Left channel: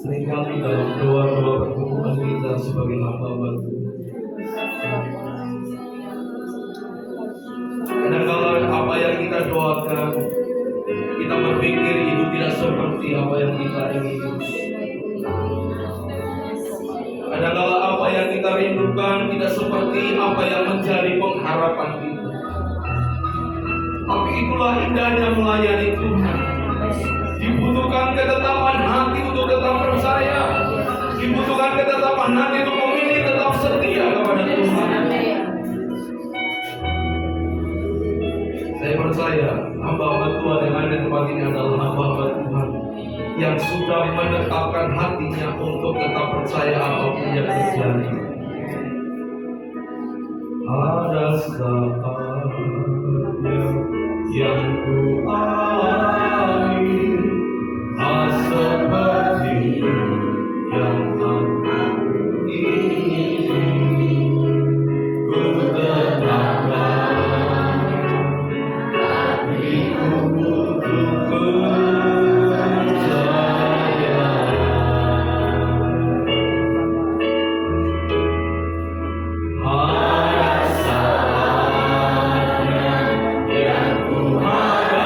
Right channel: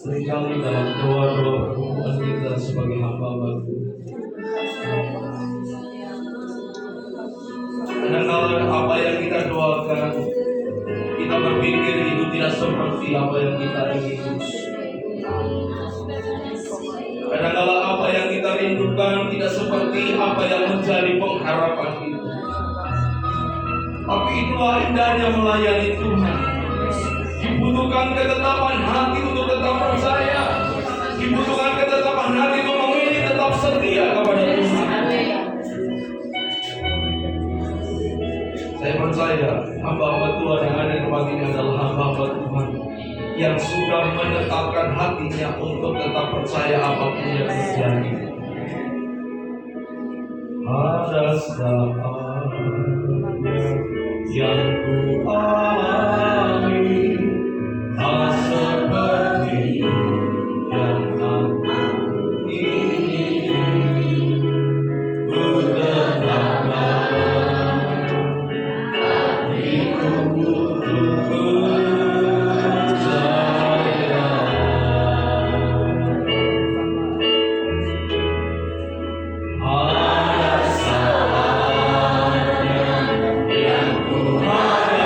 Seringkali dalam doa-doa pertemuan kita sebagai hamba Tuhan, kadang-kadang apa yang kita doakan, kita berpikir itu tidak seperti apa yang kita inginkan. Kadang-kadang apa yang kita rindukan tidak seperti apa yang menjadi pengharapan kita. Tapi itulah indahnya melayani Tuhan. Dibutuhkan ketetapan hati untuk tetap percaya. Dibutuhkan ketetapan hati untuk memilih tetap setia kepada Tuhan. Saya percaya hamba-hamba Tuhan yang ada di tempat ini adalah hamba-hamba Tuhan yang sudah menetapkan hatinya untuk tetap percaya apapun yang terjadi. Ada saatnya yang ku alami, tak seperti yang aku ingin. Ku tetapkan hatiku untuk percaya. Ada saatnya yang ku harap.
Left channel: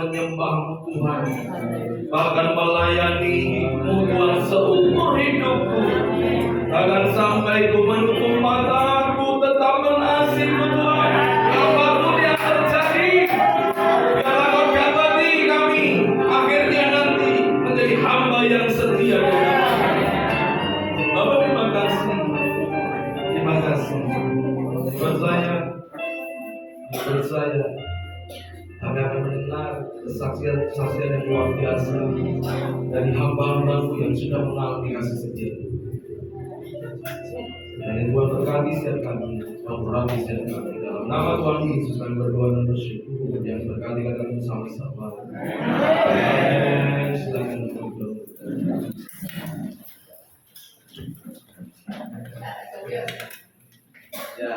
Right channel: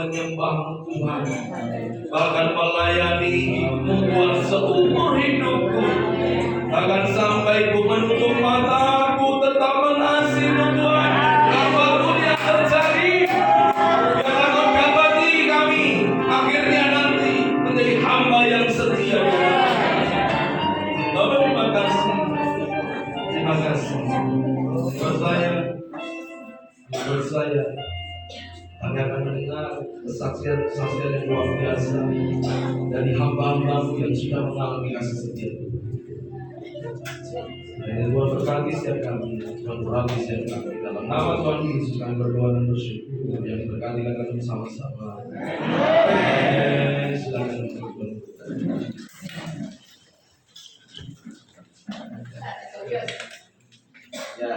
menyembah-Mu Tuhan, bahkan melayani-Mu Tuhan seumur hidupku, bahkan sampai ku menutup mataku tetap mengasihi-Mu Tuhan. Apapun yang terjadi, biarlah Kau dapati kami akhirnya nanti menjadi hamba yang setia. Bapak, terima kasih. Terima kasih. Menurut saya kami akan mendengar kesaksian yang luar biasa dari hamba-hamba-Mu yang sudah mengalami kasih setia. Dan Tuhan berkati setiap kami, memberkati setiap kami. Dalam nama Tuhan Yesus kami berdoa dan bersyukur. Yang berkati kami bersama-sama. Amin. Silakan. Ya,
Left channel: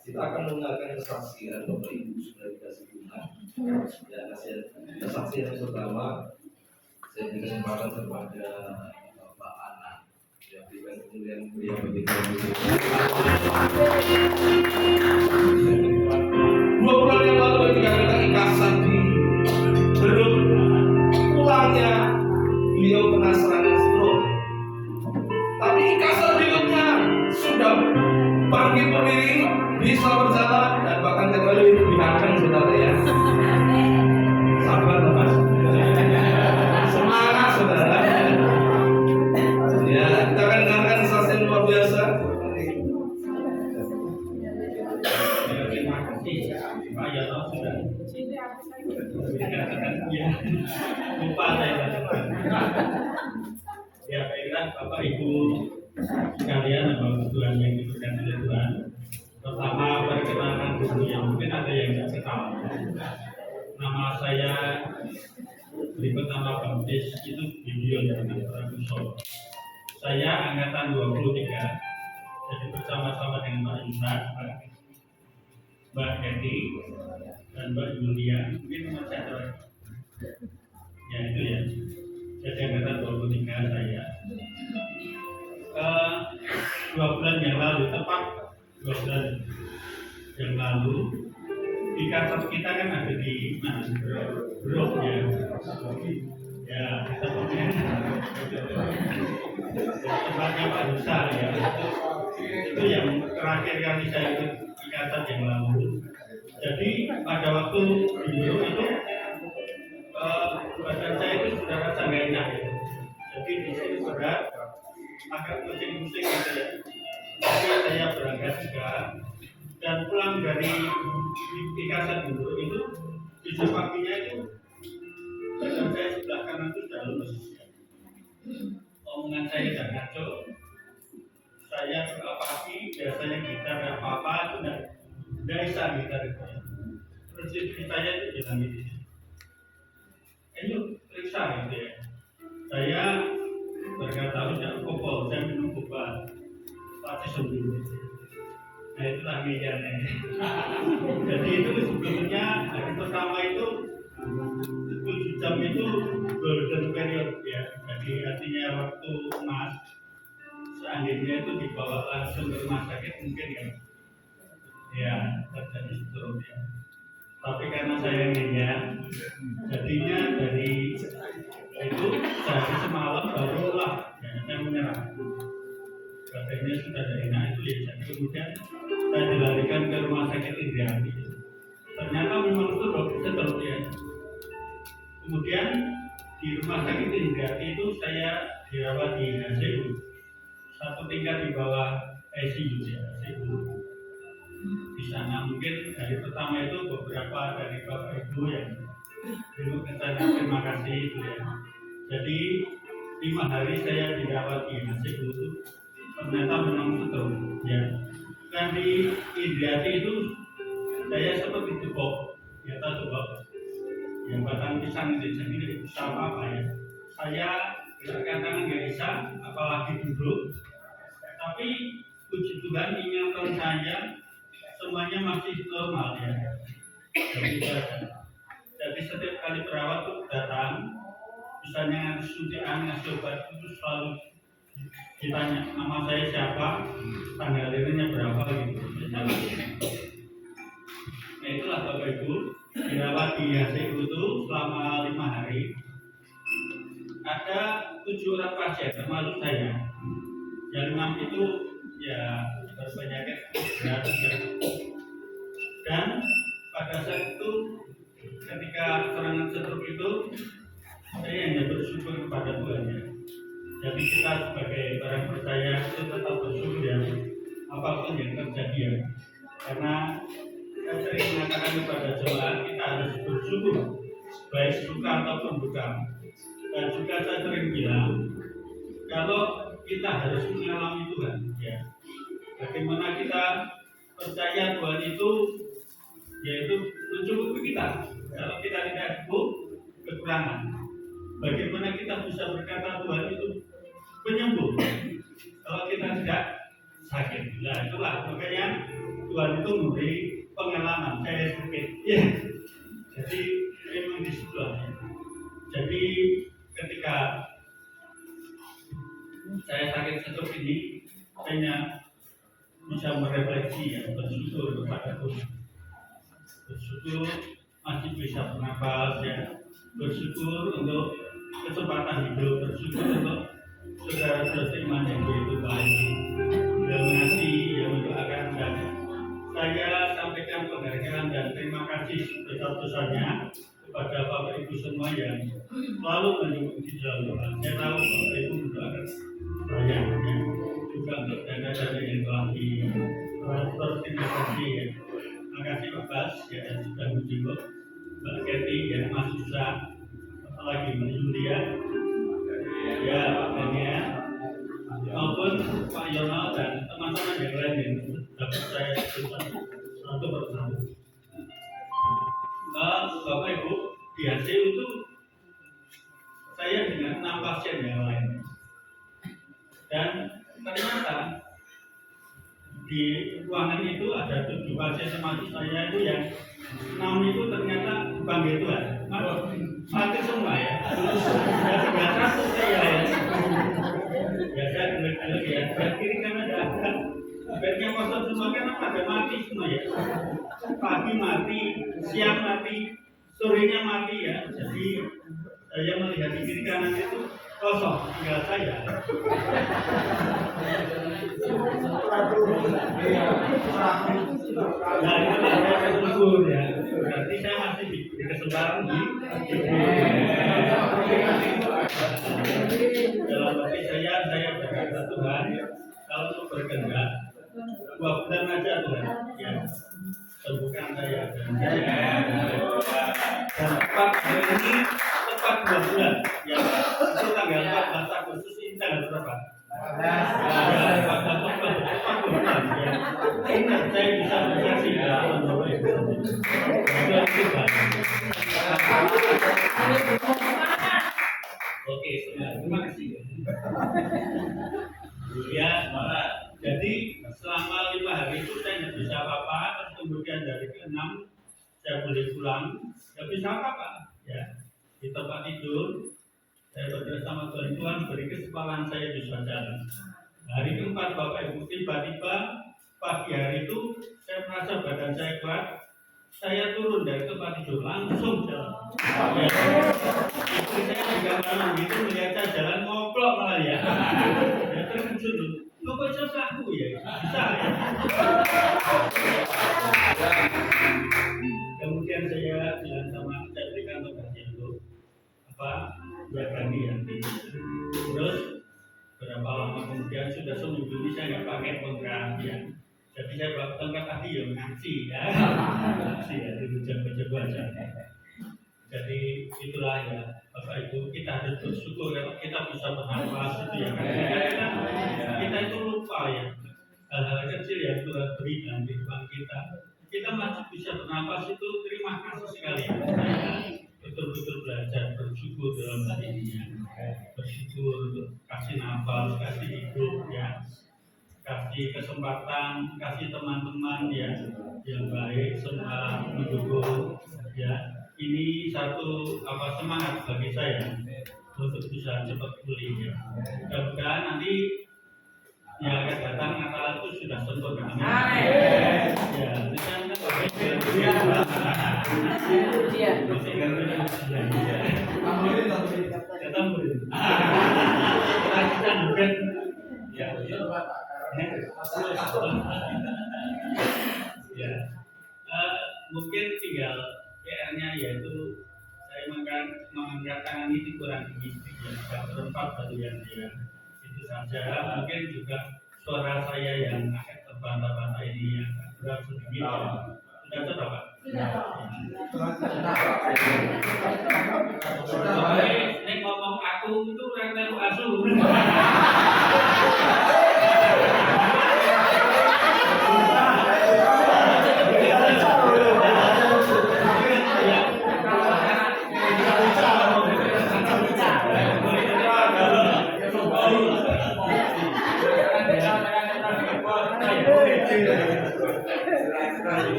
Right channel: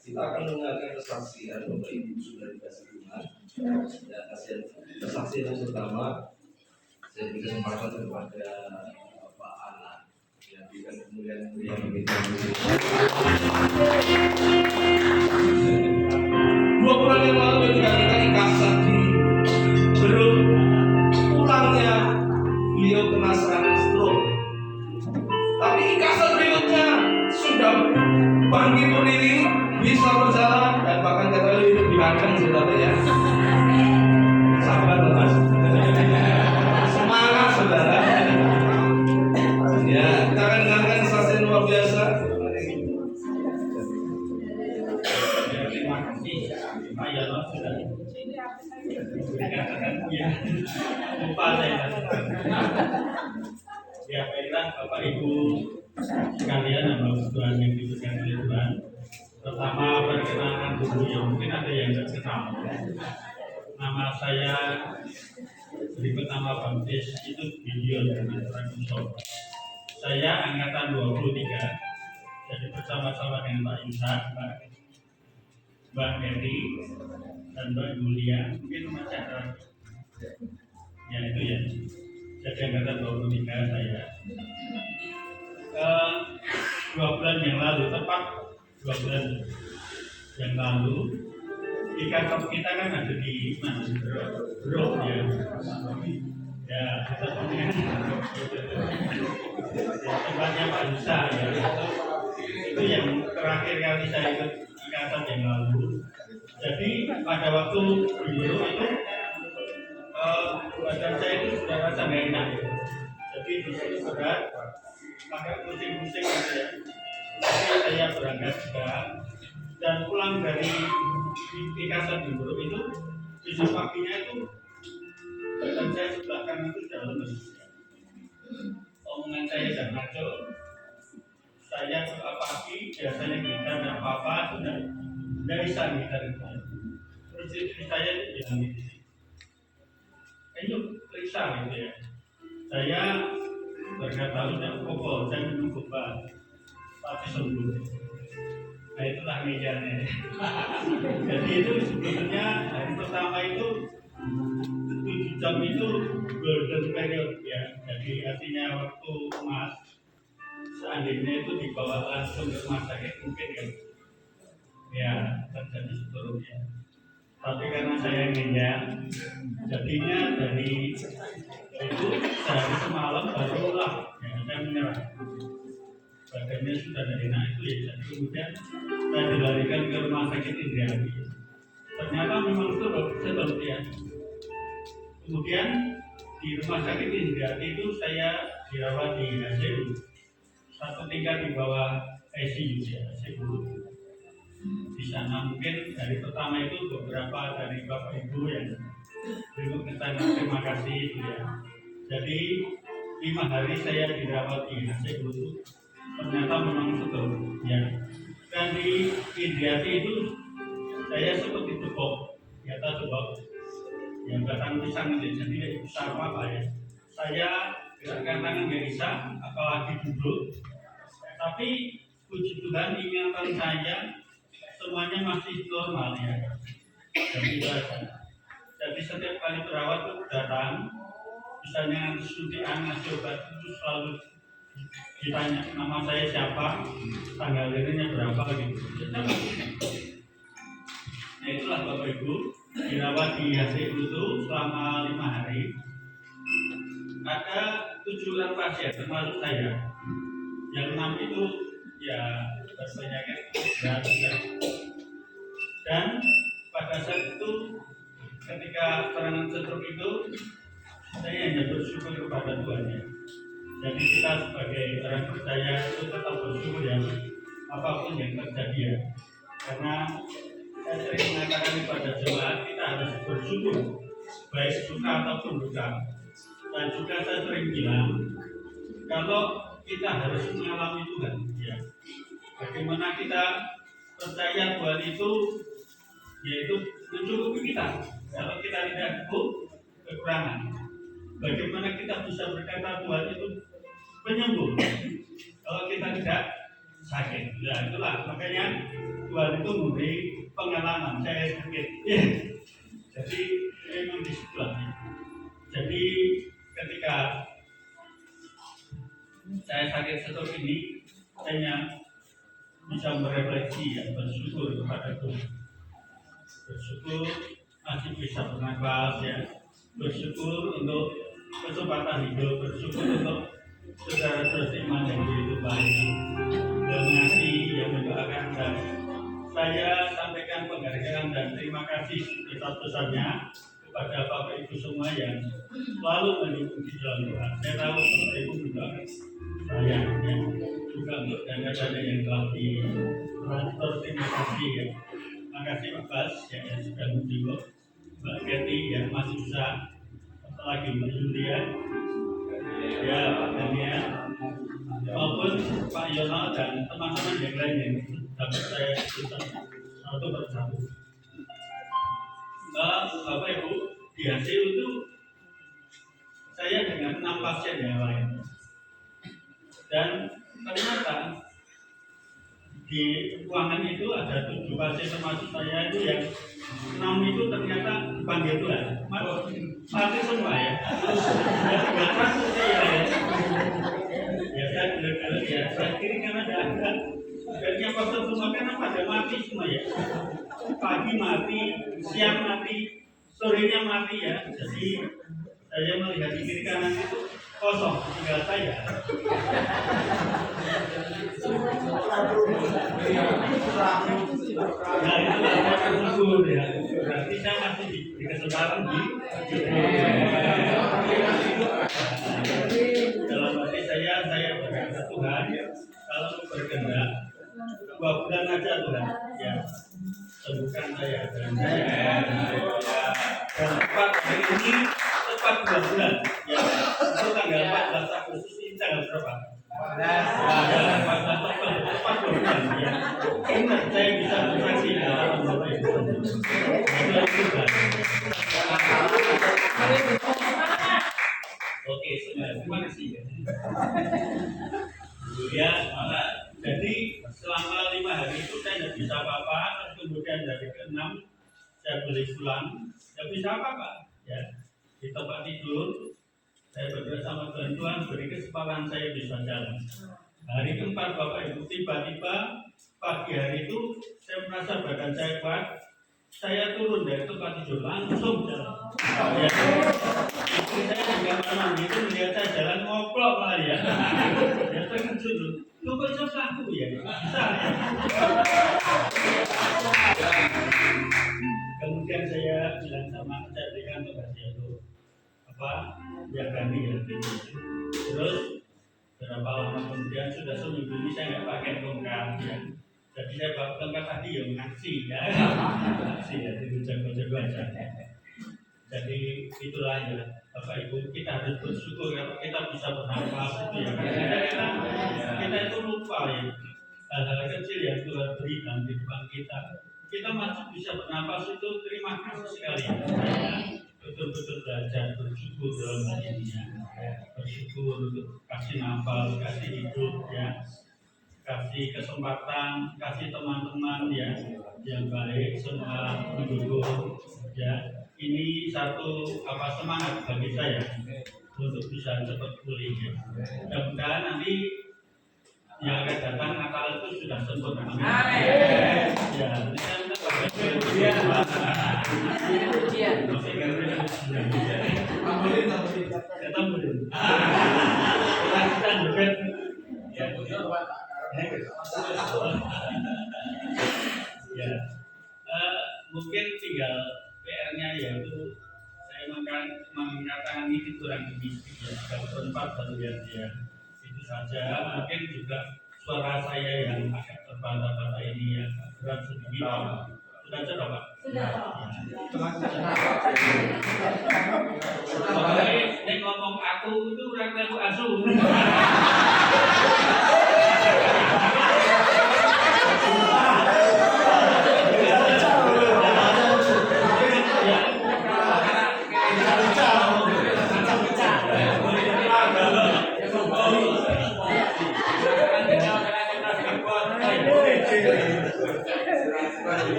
kita akan mendengarkan kesaksian Bapak Ibu sudah dikasih Tuhan. Ya, kesaksian yang pertama saya beri kesempatan kepada Bapak Ana. Ya, berikan kemuliaan beliau bagi Tuhan. 2 bulan yang lalu ketika kita ikasan di Berut, pulangnya beliau kena serangan stroke. Tapi ikasan berikutnya sudah bangkit berdiri, bisa berjalan, dan bahkan kembali lebih ganteng, saudara ya. Sabar Mas. Semangat saudara. Ya, kita akan dengarkan kesaksian luar biasa. Terima kasih Pak Yono sudah. Ya, lupa saya. Ya, baiklah Bapak Ibu sekalian dan Bapak Tuhan yang diberkati oleh Tuhan. Pertama perkenalan dulu ya, mungkin ada yang tidak kenal. Nama saya berikut nama baptis itu Gideon dengan Raguso. Saya angkatan 23. Jadi bersama-sama dengan Pak Yusak, Mbak Edi, dan Mbak Julia. Mungkin masih ada. Ya itu ya. Jadi angkatan 23 saya. 2 bulan yang lalu, tepat 2 bulan yang lalu, di kantor kita kan ada di mana? Bro ya. Ya, kita punya tempatnya Pak Nusa ya. Itu yang terakhir kali saya ikut ikatan yang lalu. Jadi pada waktu di Bro itu badan saya itu sudah rasa nggak enak ya. Jadi di sini berat, agak pusing-pusing gitu ya. Tapi saya berangkat juga dan pulang dari ikasan di Bro itu besok paginya itu badan saya sebelah kanan itu sudah lemes. Omongan saya sudah ngaco. Saya pagi biasanya kita dan apa sudah bisa kita itu. Terus istri saya itu bilang gitu. Ayo periksa gitu ya. Saya berkata sudah pokok saya minum obat pasti sembuh. Nah itulah medianya. Jadi itu sebetulnya hari pertama itu 7 jam itu golden period ya. Jadi artinya waktu emas. Seandainya itu dibawa langsung ke rumah sakit mungkin kan ya terjadi stroke ya. Tapi karena saya ngenyak, jadinya dari itu sehari semalam barulah ya saya menyerah. Badannya sudah dari enak itu ya. Jadi kemudian saya dilarikan ke rumah sakit Indriati. Ternyata memang betul ya. Kemudian di rumah sakit Indriati itu saya dirawat di ICU. 1 tingkat di bawah ICU ya, ICU. Di sana mungkin dari pertama itu beberapa dari Bapak Ibu yang dulu kita terima kasih itu ya. Jadi 5 hari saya dirawat di ICU itu ternyata memang betul ya. Dan di Indriati itu saya seperti tepuk di atas tepuk yang batang pisang itu jadi bisa apa ya. Saya gerakan tangan nggak bisa, apalagi duduk. Tapi puji Tuhan ingatan saya semuanya masih normal ya. Jadi setiap kali perawat itu datang, misalnya suntikan ngasih obat itu selalu ditanya nama saya siapa, tanggal lahirnya berapa gitu. Nah itulah Bapak Ibu. di HCU itu selama 5 hari ada 7 orang pasien termasuk saya. Yang 6 itu ya berpenyakit berat ya. Dan pada saat itu ketika serangan stroke itu saya hanya bersyukur kepada Tuhan ya. Jadi kita sebagai orang percaya itu tetap bersyukur ya apapun yang terjadi ya. Karena saya sering mengatakan kepada jemaat kita harus bersyukur baik suka ataupun duka. Dan juga saya sering bilang kalau kita harus mengalami Tuhan ya. Bagaimana kita percaya Tuhan itu yaitu mencukupi kita. Kalau kita tidak kekurangan, bagaimana kita bisa berkata Tuhan itu penyembuh kalau kita tidak sakit. Nah itulah makanya Tuhan itu memberi pengalaman saya sakit. Ya. Jadi memang di situ lah. Jadi ketika saya sakit stroke ini, saya bisa merefleksi ya, bersyukur kepada Tuhan. Bersyukur masih bisa bernapas ya, bersyukur untuk kesempatan hidup, bersyukur untuk saudara-saudara iman yang begitu baik, yang mengasihi, yang mendoakan, dan saya sampaikan penghargaan dan terima kasih besar-besarnya kepada Bapak Ibu semua yang selalu mendukung di dalam doa. Saya tahu Bapak Ibu mendoakan saya ya, juga untuk dana-dana yang telah ditransfer. Terima kasih ya. Terima kasih Pak Bas ya, yang sudah menjenguk Mbak Keti ya, Mas Yusa, apalagi Mbak Yulia ya, Pak Daniel maupun Pak Yono dan teman-teman yang lain yang dapat saya cerita satu persatu. Bapak Ibu, di HCU itu saya dengan 6 pasien yang lain, dan ternyata di ruangan itu ada 7 pasien termasuk saya itu yang 6 itu ternyata dipanggil Tuhan mati semua ya. Ya tinggal 1 saya ya. Ya saya gelek-gelek ya, saya kiri karena ada bednya kosong semua karena pada mati semua ya. Pagi mati, siang mati, sorenya mati ya. Jadi saya melihat di kiri kanan itu kosong, tinggal saya. Nah itulah saya bersyukur ya. Berarti saya masih di kesempatan dalam hati saya berkata Tuhan, kalau berkehendak 2 bulan aja Tuhan ya, sembuhkan saya dan tepat hari ini tepat 2 bulan ya, itu tanggal 14 Agustus ini tanggal berapa? 14 Oktober, tepat 2 bulan ya. Ingat saya bisa bersaksi dalam Bapak Ibu. Itu oke, terima kasih ya. Jadi selama 5 hari itu saya tidak bisa apa-apa, terus kemudian dari ke-6 saya boleh pulang, tidak bisa apa-apa ya. Di tempat tidur saya berdoa sama Tuhan beri kesempatan saya bisa jalan. Hari keempat Bapak Ibu, tiba-tiba pagi hari itu saya merasa badan saya kuat, saya turun dari tempat tidur langsung jalan. Ya. Istri saya juga malam itu melihat saya jalan ngoplok malah ya. Ya terkejut, lu kok bisa aku ya? Bisa ya. Kemudian saya bilang sama saya berikan tugasnya untuk ya kami ya. Terus berapa lama kemudian sudah seminggu ini saya nggak pakai tongkat ya. Jadi saya bawa tongkat tadi ya ngaji ya, ngaji ya, dibaca-baca aja. Jadi itulah ya Bapak Ibu, kita harus bersyukur kalau kita bisa bernafas itu ya. Kita itu lupa ya hal-hal kecil yang Tuhan beri dalam kehidupan kita. Kita masih bisa bernafas itu terima kasih sekali. Ya. Betul-betul belajar bersyukur dalam hal ini ya. Bersyukur untuk kasih nafas, kasih hidup ya, kasih kesempatan, kasih teman-teman ya yang baik, semua mendukung ya. Ini satu semangat bagi saya untuk bisa cepat pulih ya. Mudah-mudahan nanti yang akan datang Natal itu sudah sempurna. Amin. Ya, Ya, mungkin tinggal PR-nya yaitu saya mengatakan ini kurang mistik ya, kalau berempat satu yang dia itu saja. Mungkin juga suara saya yang agak terbantah-bantah ini agak berat sedikit. Sudah coba Pak? Sudah. Ini ngomong aku itu orang tahu asuh.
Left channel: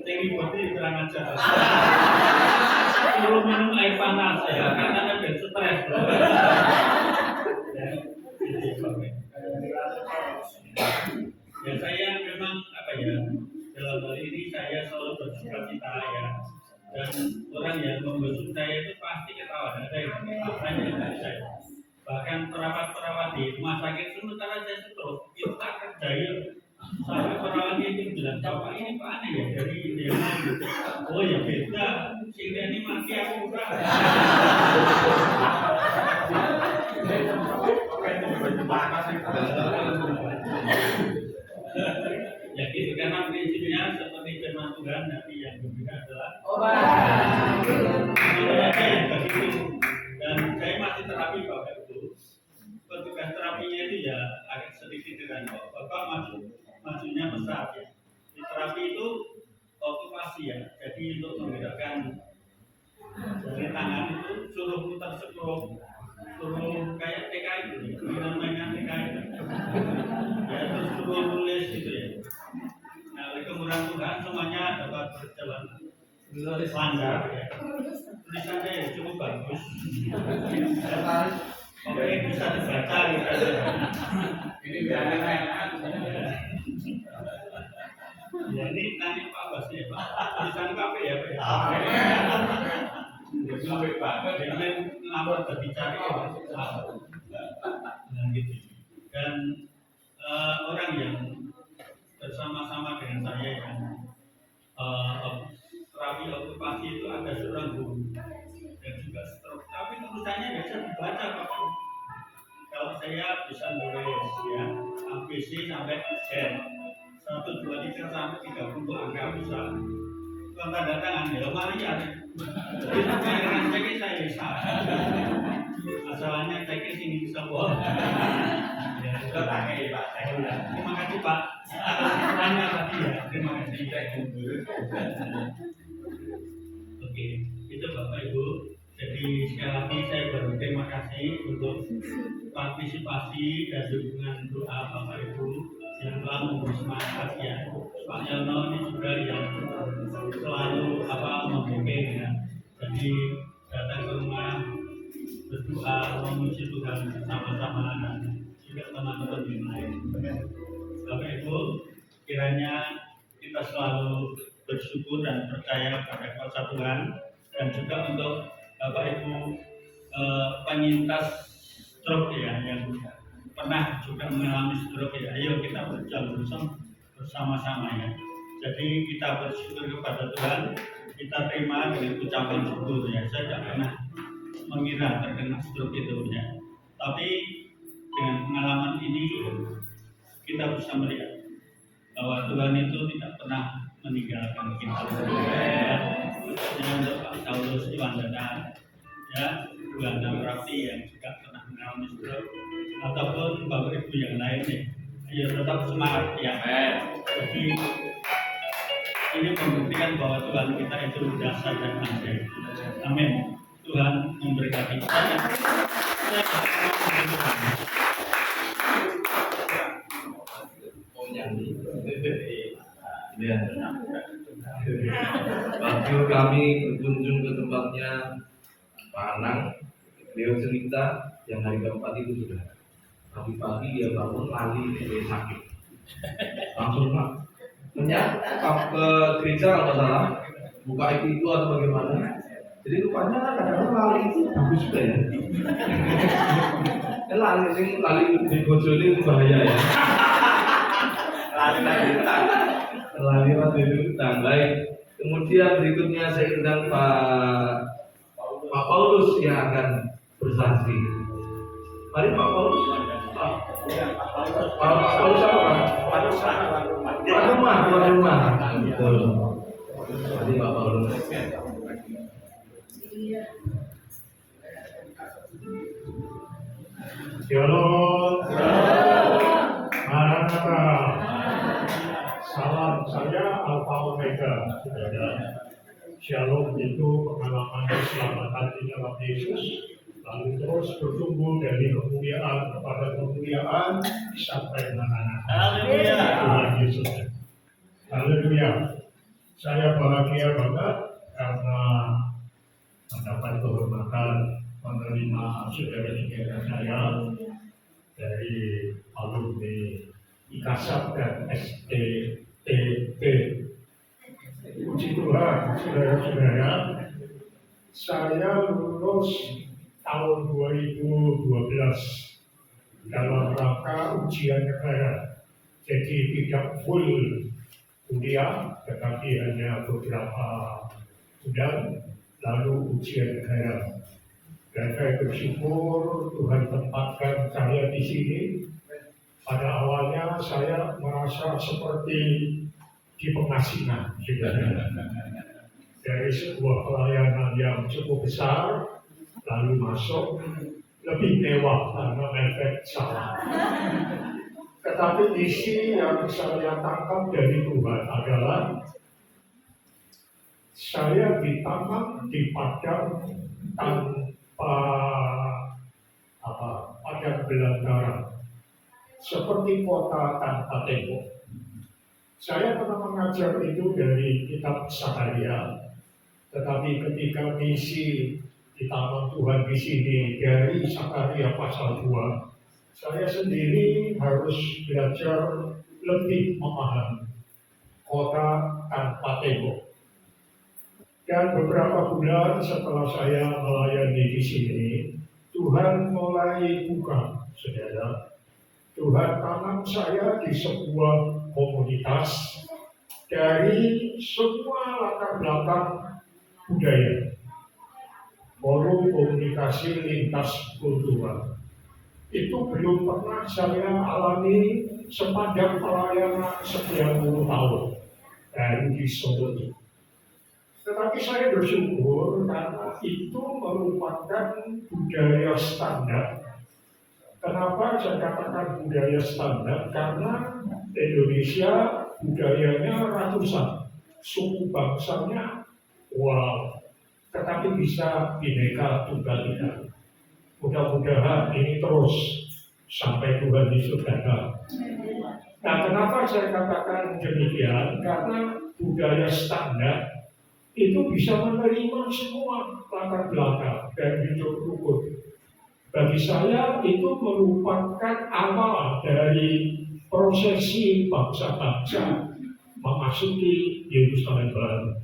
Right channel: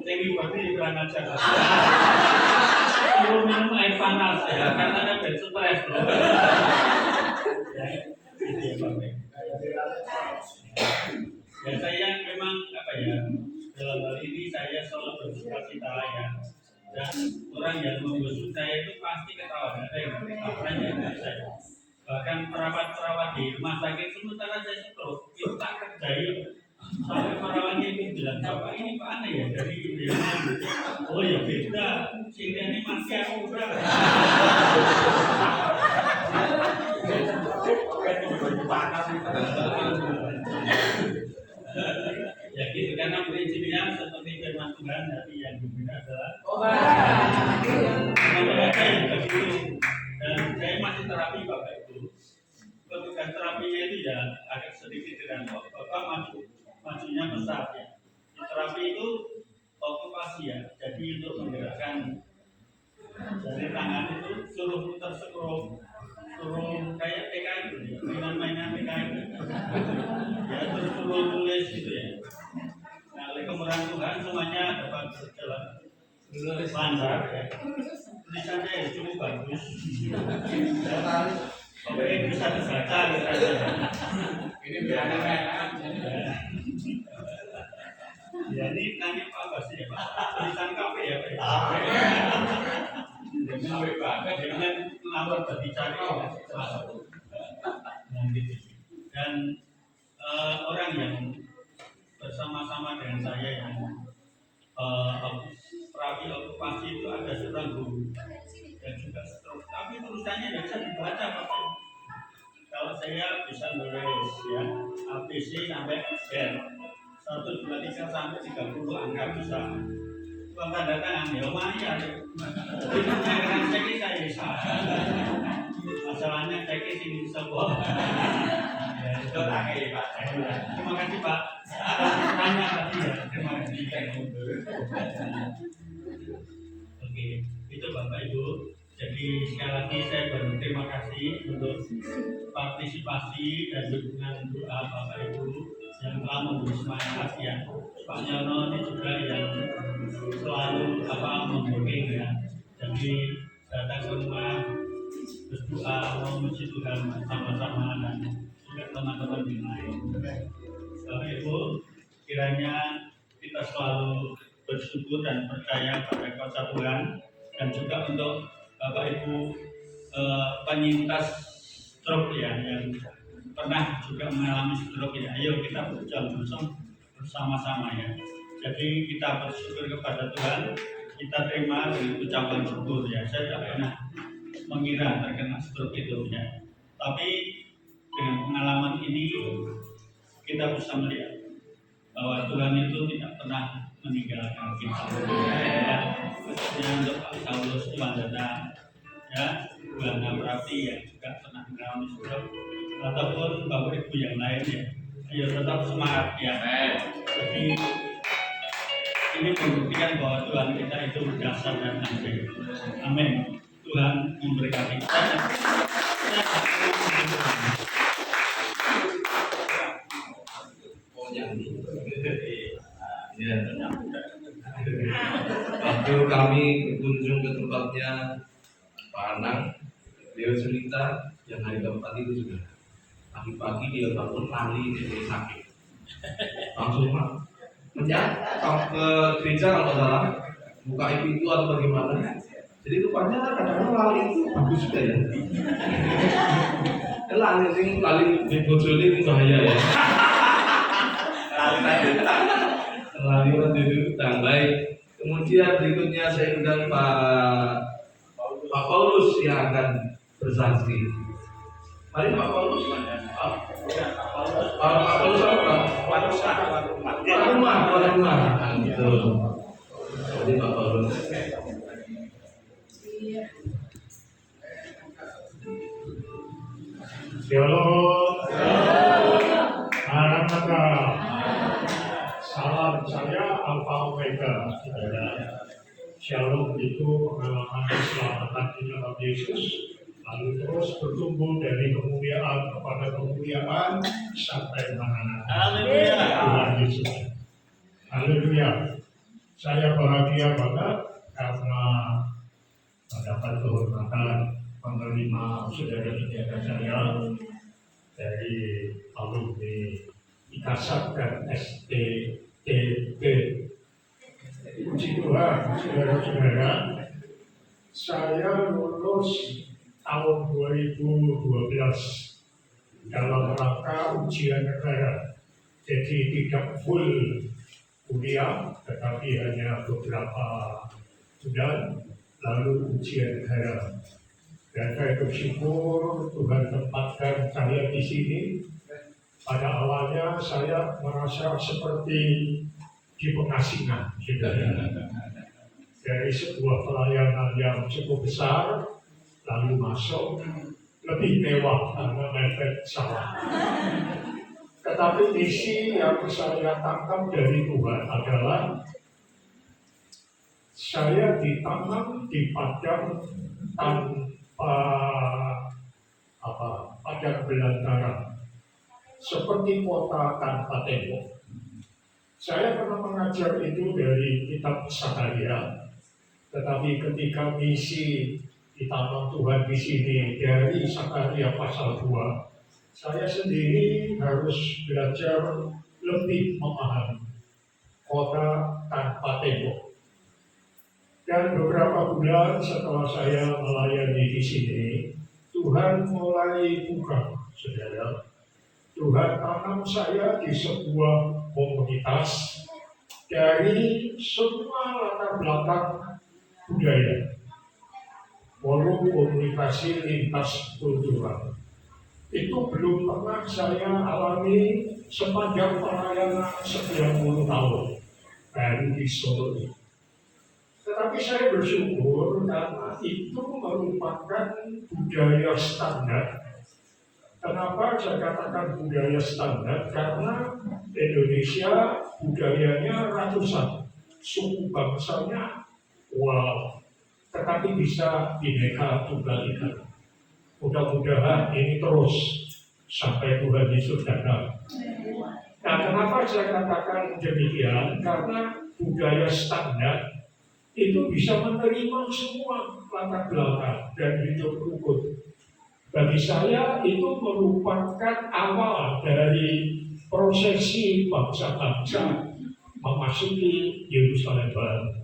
Tinggi berarti kurang ajar. Suruh minum air panas ya, karena ada stres. Ya, gitu ya Pak. Ya saya memang apa ya, dalam hal ini saya selalu bersuka-cita ya. Dan orang yang membesuk saya itu pasti ketawa, ada yang makanya saya. Bahkan perawat-perawat di rumah sakit sementara saya stroke itu tak kerjain sampai perawatnya itu bilang, bapak ini pak aneh ya dari India. Oh ya beda, sehingga ini masih aku kurang. Ya gitu, karena prinsipnya seperti firman Tuhan, tapi yang berbeda adalah apa yang begitu. Dan saya masih terapi Bapak Ibu. Petugas terapinya itu ya agak sedikit dengan Bapak majunya besar ya. Di terapi itu okupasi ya. Jadi untuk menggerakkan jari tangan itu suruh putar skrup, suruh kayak PKI itu ya, mainan-mainan PKI itu. Ya terus suruh tulis gitu ya. Nah oleh kemurahan Tuhan semuanya dapat berjalan lancar ya. Tulisannya ya cukup bagus. Oke bisa dibaca gitu. Ini biar ya ini nanya Pak Bas ya Pak. Tulisan KP ya Pak. Jangan lapor berbicara nah gitu. Dan orang yang bersama-sama dengan saya yang terapi okupasi itu ada seorang guru dan juga stroke, tapi tulisannya tidak bisa dibaca Bapak. Kalau saya bisa nulis ya ABC sampai Z 1, 2, 3 sampai 30 angka bisa. Bukan tanda tangan ya, Maria. Itu saya cek saya bisa. Masalahnya cek sini semua. Ya, itu pakai Pak. Terima kasih Pak. Tanya tadi ya, terima kasih. Oke, itu Bapak Ibu. Jadi sekali lagi saya berterima kasih untuk partisipasi dan dukungan doa Bapak Ibu yang telah memberi semangat ya. Pak Nyono ini juga yang selalu membuking ya. Jadi datang ke rumah berdoa memuji Tuhan bersama-sama dan juga teman-teman yang lain. Bapak Ibu, kiranya kita selalu bersyukur dan percaya pada kuasa Tuhan, dan juga untuk Bapak Ibu penyintas stroke ya yang pernah juga mengalami stroke ya, ayo kita berjuang bersama-sama ya. Jadi kita bersyukur kepada Tuhan, kita terima dengan ucapan syukur ya. Saya tidak pernah mengira terkena stroke itu ya, tapi dengan pengalaman ini kita bisa melihat bahwa Tuhan itu tidak pernah meninggalkan kita ya. Untuk Pak Saulus Iwandana ya, Bu Hana Prati yang juga pernah mengalami stroke, ataupun Bapak Ibu yang lain ya, ayo tetap semangat ya. Jadi ini membuktikan bahwa Tuhan kita itu dahsyat dan ajaib. Amin. Tuhan memberkati kita. Ya. Waktu kami berkunjung ke tempatnya Pak Anang, beliau cerita yang hari keempat itu sudah pagi-pagi dia bangun lali, dia sakit. Langsung mah ke gereja kalau nggak salah buka itu atau bagaimana. Jadi rupanya kadang-kadang lali itu bagus juga ya. lali di bojone itu bahaya ya. Lali itu baik. Kemudian berikutnya saya undang Pak Paulus yang akan bersaksi. Mari Pak Paulus. Pak Paulus apa? Pak rumah. Betul. Jadi Pak Paulus. Shalom. Maranatha. Salam saya Alpha Omega, saudara. Shalom itu pengalaman keselamatan di dalam Yesus, lalu terus bertumbuh dari kemuliaan kepada kemuliaan sampai Maranatha. Tuhan Yesus. Haleluya. Saya bahagia banget karena mendapat kehormatan menerima saudara-saudara saya dari alumni IKASAP dan STTP. Puji Tuhan, saudara-saudara, saya lulus tahun 2012 dalam rangka ujian negara. Jadi tidak full kuliah, tetapi hanya beberapa bulan lalu ujian negara. Dan saya bersyukur Tuhan tempatkan saya di sini. Pada awalnya saya merasa seperti di pengasingan, dari sebuah pelayanan yang cukup besar, lalu masuk lebih mewah karena mepet salah. Tetapi misi yang saya tangkap dari Tuhan adalah saya ditanam di padang tanpa padang belantara, seperti kota tanpa tembok. Saya pernah mengajar itu dari kitab Sakaria, tetapi ketika misi ditanam Tuhan di sini dari Sakaria pasal 2, saya sendiri harus belajar lebih memahami kota tanpa tembok. Dan beberapa bulan setelah saya melayani di sini, Tuhan mulai buka, saudara. Tuhan tanam saya di sebuah komunitas dari semua latar belakang budaya, forum komunikasi lintas kultural. Itu belum pernah saya alami sepanjang pelayanan 90 tahun baru di Solo ini. Tetapi saya bersyukur karena itu merupakan budaya standar. Kenapa saya katakan budaya standar? Karena Indonesia budayanya ratusan, suku bangsanya wow, tetapi bisa bineka tunggal ika. Mudah-mudahan ini terus sampai Tuhan Yesus datang. Nah, kenapa saya katakan demikian? Karena budaya standar itu bisa menerima semua latar belakang dan hidup rukun. Bagi saya itu merupakan awal dari prosesi bangsa-bangsa memasuki Yerusalem baru.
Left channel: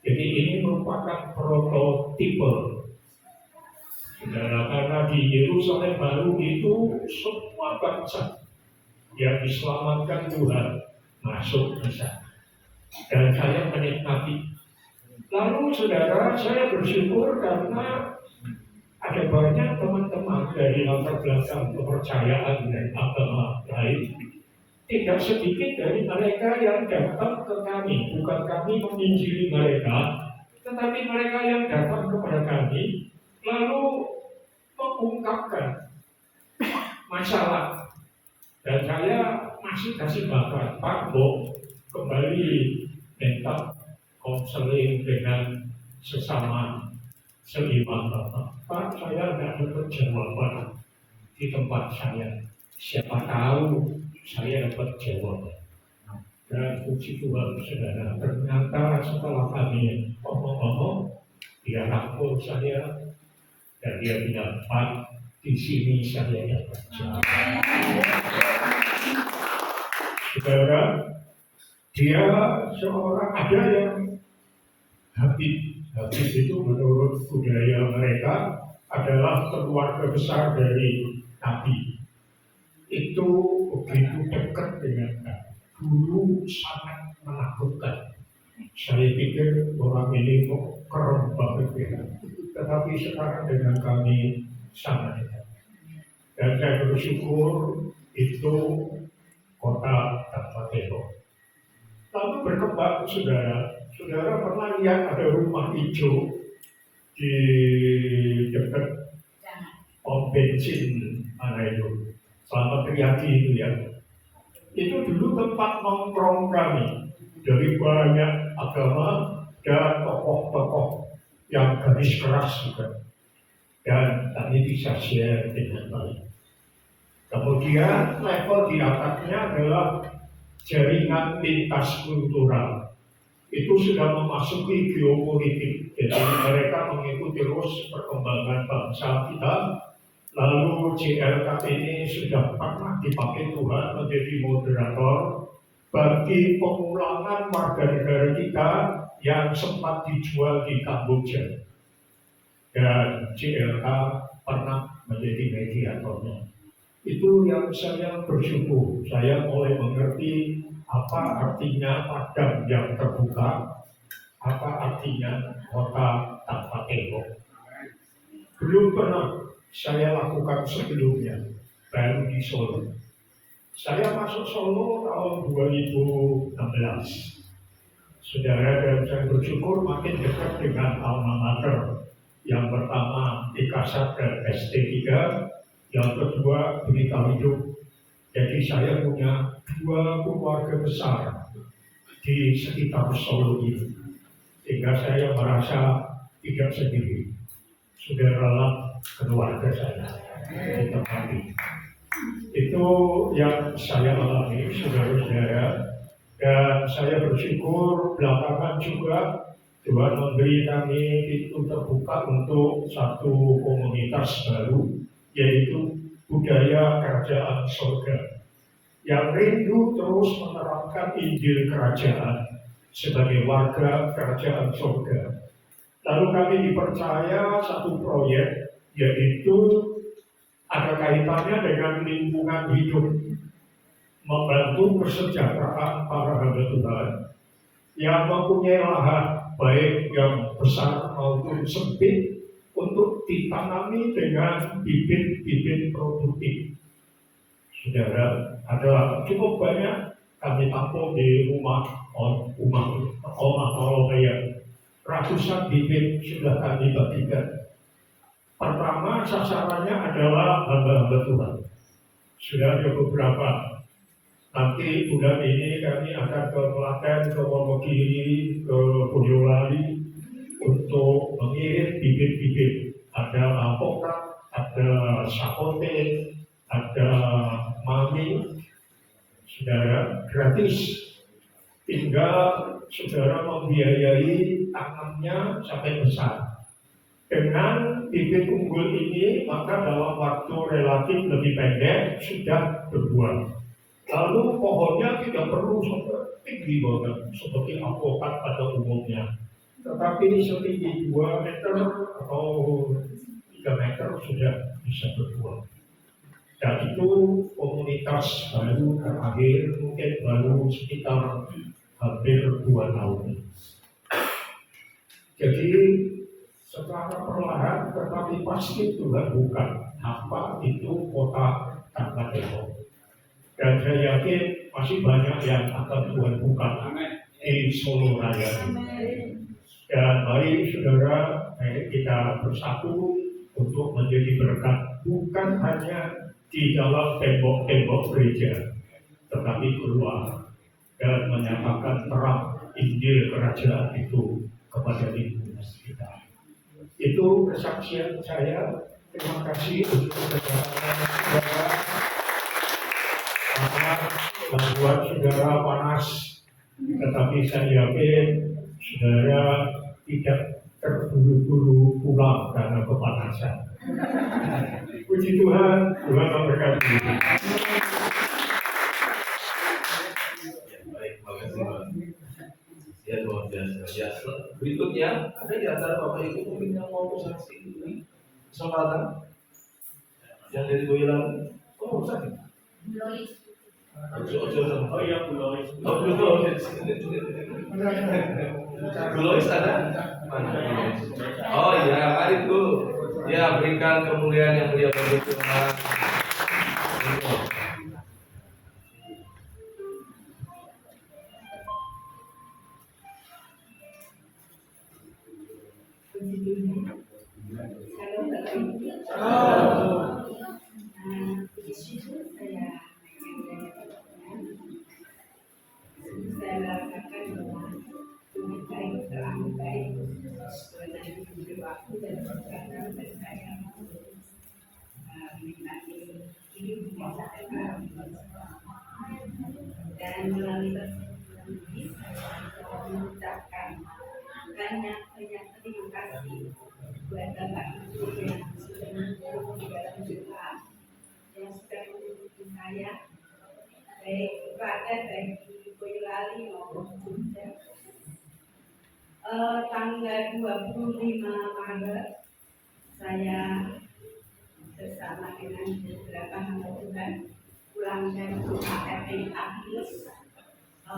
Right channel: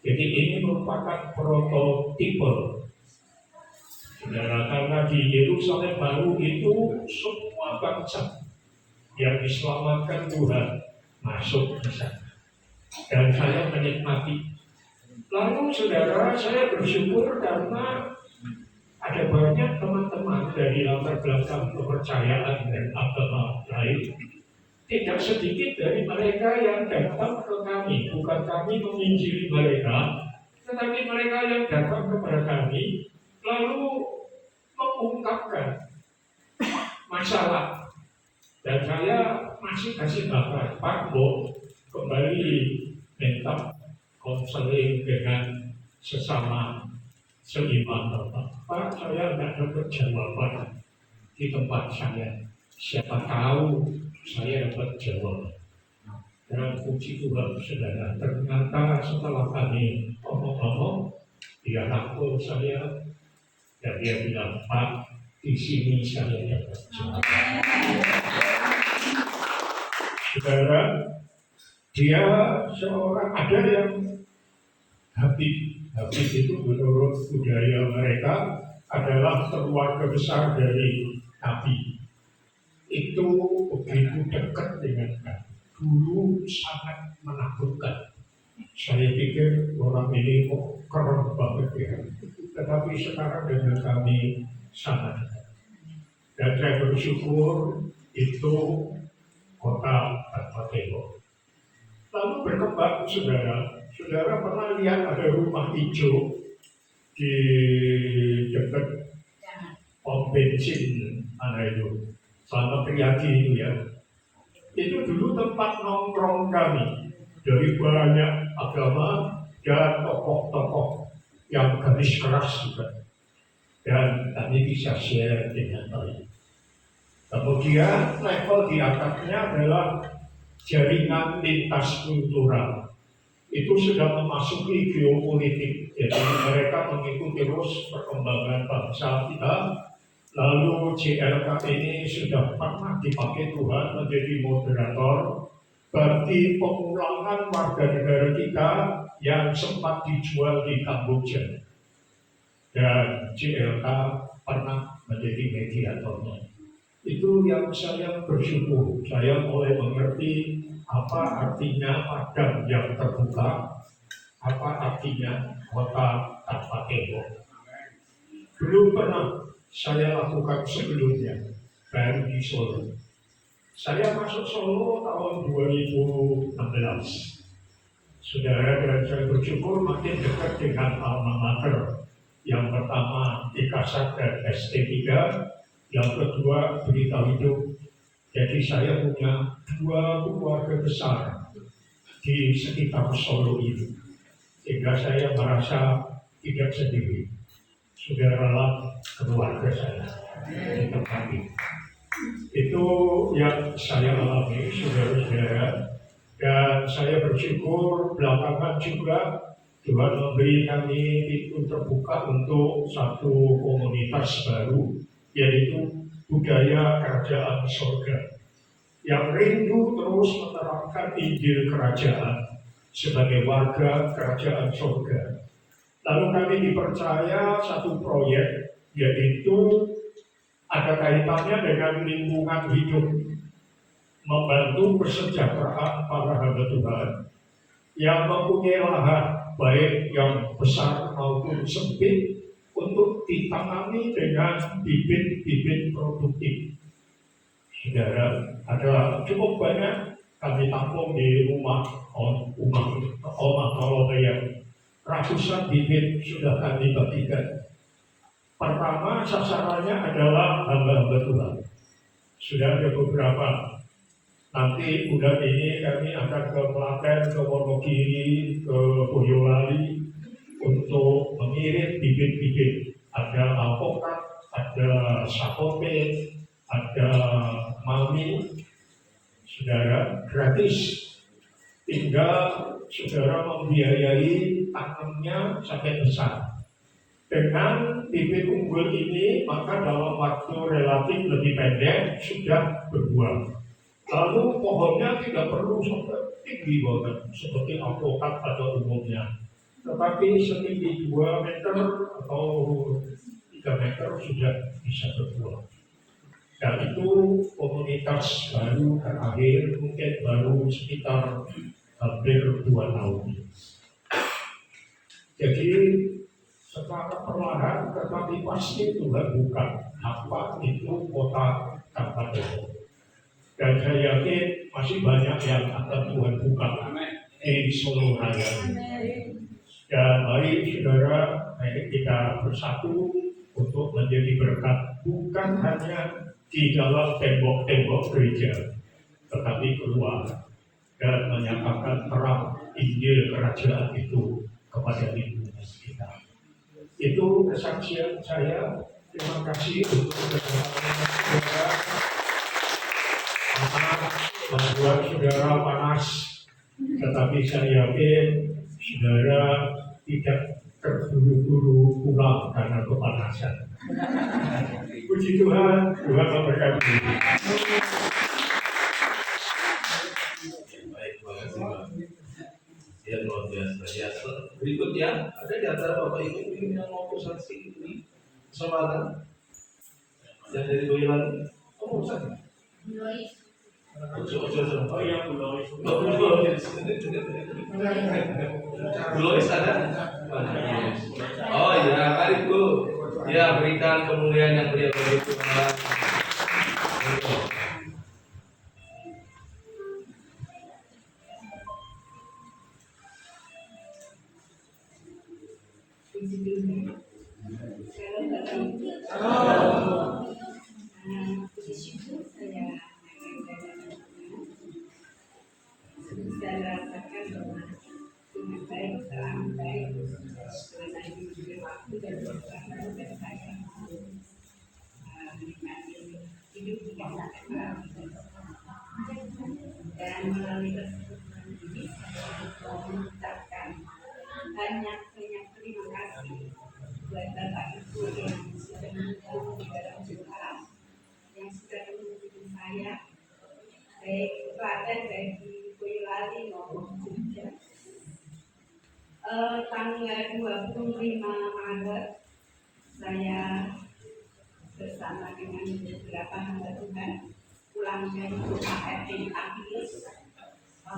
Jadi ini merupakan prototipe. Saudara, karena di Yerusalem baru itu semua bangsa yang diselamatkan Tuhan masuk ke sana. Dan saya menikmati. Lalu saudara, saya bersyukur karena ada banyak teman-teman dari latar belakang kepercayaan dan agama lain. Tidak sedikit dari mereka yang datang ke kami, bukan kami menginjili mereka, tetapi mereka yang datang kepada kami lalu mengungkapkan masalah. Dan saya masih kasih bakat, Pak, Bo, kembali minta konseling dengan sesama seiman Bapak. Pak, saya tidak dapat jawaban di tempat saya. Siapa tahu saya dapat jawaban. Dan puji Tuhan, saudara, ternyata setelah kami ngomong-ngomong, dia rangkul saya dan dia bilang, Pak, di sini saya dapat jawaban. Saudara, dia seorang, ada yang Habib. Habib itu menurut budaya mereka adalah keluarga besar dari Nabi. Itu begitu dekat dengan Nabi. Dulu sangat menakutkan. Saya pikir orang ini kok keren banget ya. Tetapi sekarang dengan kami sangat dekat. Dan saya bersyukur itu kota tanpa tembok. Lalu berkembang, saudara. Saudara pernah lihat ada rumah hijau di dekat pom bensin mana itu? Selamat Riyadi itu ya. Itu dulu tempat nongkrong kami dari banyak agama dan tokoh-tokoh yang garis keras juga. Dan kami bisa share dengan baik. Kemudian level di atasnya adalah jaringan lintas kultural. Itu sudah memasuki geopolitik. Jadi mereka mengikuti terus perkembangan bangsa kita. Lalu JLK ini sudah pernah dipakai Tuhan menjadi moderator bagi pemulangan warga negara kita yang sempat dijual di Kamboja. Dan JLK pernah menjadi mediatornya. Itu yang saya bersyukur. Saya mulai mengerti apa artinya padang yang terbuka, apa artinya kota tanpa tembok. Belum pernah saya lakukan sebelumnya, baru di Solo. Saya masuk Solo tahun 2016. Saudara, dan saya bersyukur makin dekat dengan alma mater. Yang pertama Ikasat dan ST3, yang kedua Berita Hidup. Jadi saya punya 2 keluarga besar di sekitar Solo ini, sehingga saya merasa tidak sendiri. Saudaralah keluarga saya di tempat ini. Itu yang saya alami, saudara-saudara, dan saya bersyukur belakangan juga Tuhan memberi kami pintu terbuka untuk satu komunitas baru, yaitu budaya kerajaan surga, yang rindu terus menerapkan Injil kerajaan sebagai warga kerajaan surga. Lalu kami dipercaya satu proyek, yaitu ada kaitannya dengan lingkungan hidup, membantu kesejahteraan para hamba Tuhan yang mempunyai lahan baik yang besar maupun sempit untuk ditanami dengan bibit-bibit produktif. Saudara, ada cukup banyak kami tampung di rumah Olomaya. Ratusan bibit sudah kami bagikan. Pertama sasarannya adalah hamba-hamba Tuhan. Sudah ada beberapa. Nanti bulan ini kami akan ke Klaten, ke Wonogiri, ke Boyolali untuk mengirim bibit-bibit. Ada alpukat, ada sapote, ada mami. Saudara, gratis. Tinggal saudara membiayai tanamnya sampai besar. Dengan bibit unggul ini, maka dalam waktu relatif lebih pendek sudah berbuah. Lalu pohonnya tidak perlu sampai tinggi banget seperti alpukat pada umumnya, tetapi setinggi 2 meter atau 3 meter sudah bisa berbuah. Dan itu komunitas baru terakhir, mungkin baru sekitar hampir 2 tahun. Jadi secara perlahan tetapi pasti Tuhan buka apa itu kota tanpa tembok. Dan saya yakin masih banyak yang akan Tuhan buka di Solo Raya. Dan mari saudara, mari kita bersatu untuk menjadi berkat bukan hanya di dalam tembok-tembok gereja, tetapi keluar dan menyatakan terang Injil kerajaan itu kepada lingkungan kita. Itu kesaksian saya. Terima kasih untuk kesaksian saudara. Membuat saudara panas, tetapi saya yakin saudara tidak terburu-buru pulang karena kepanasan. Puji Tuhan, Tuhan memberkati. Berikutnya, ada di antara Bapak Ibu mungkin yang mau bersaksi ini kesempatan yang dari Boyolali. Oh, bersaksi. Oh iya, Bu Lois. Oh, Bulois. Bulois ada? Mana? Oh iya, mari Bu. Ya, berikan kemuliaan yang mulia bagi Tuhan. Kalau Bapak Ibu, puji syukur saya merasakan bahwa Tuhan baik, terang baik, Tuhan diberi waktu dan kesempatan dan saya mau menikmati hidup yang sampai hari ini. Dan melalui kesempatan ini saya mengucapkan banyak terima kasih buat Bapak Ibu yang sudah mendukung di dalam doa, yang sudah mendukung saya, baik Klaten, baik di Boyolali maupun Jogja. Tanggal 25 Maret saya bersama dengan beberapa hamba Tuhan pulang dari UKM Agnes,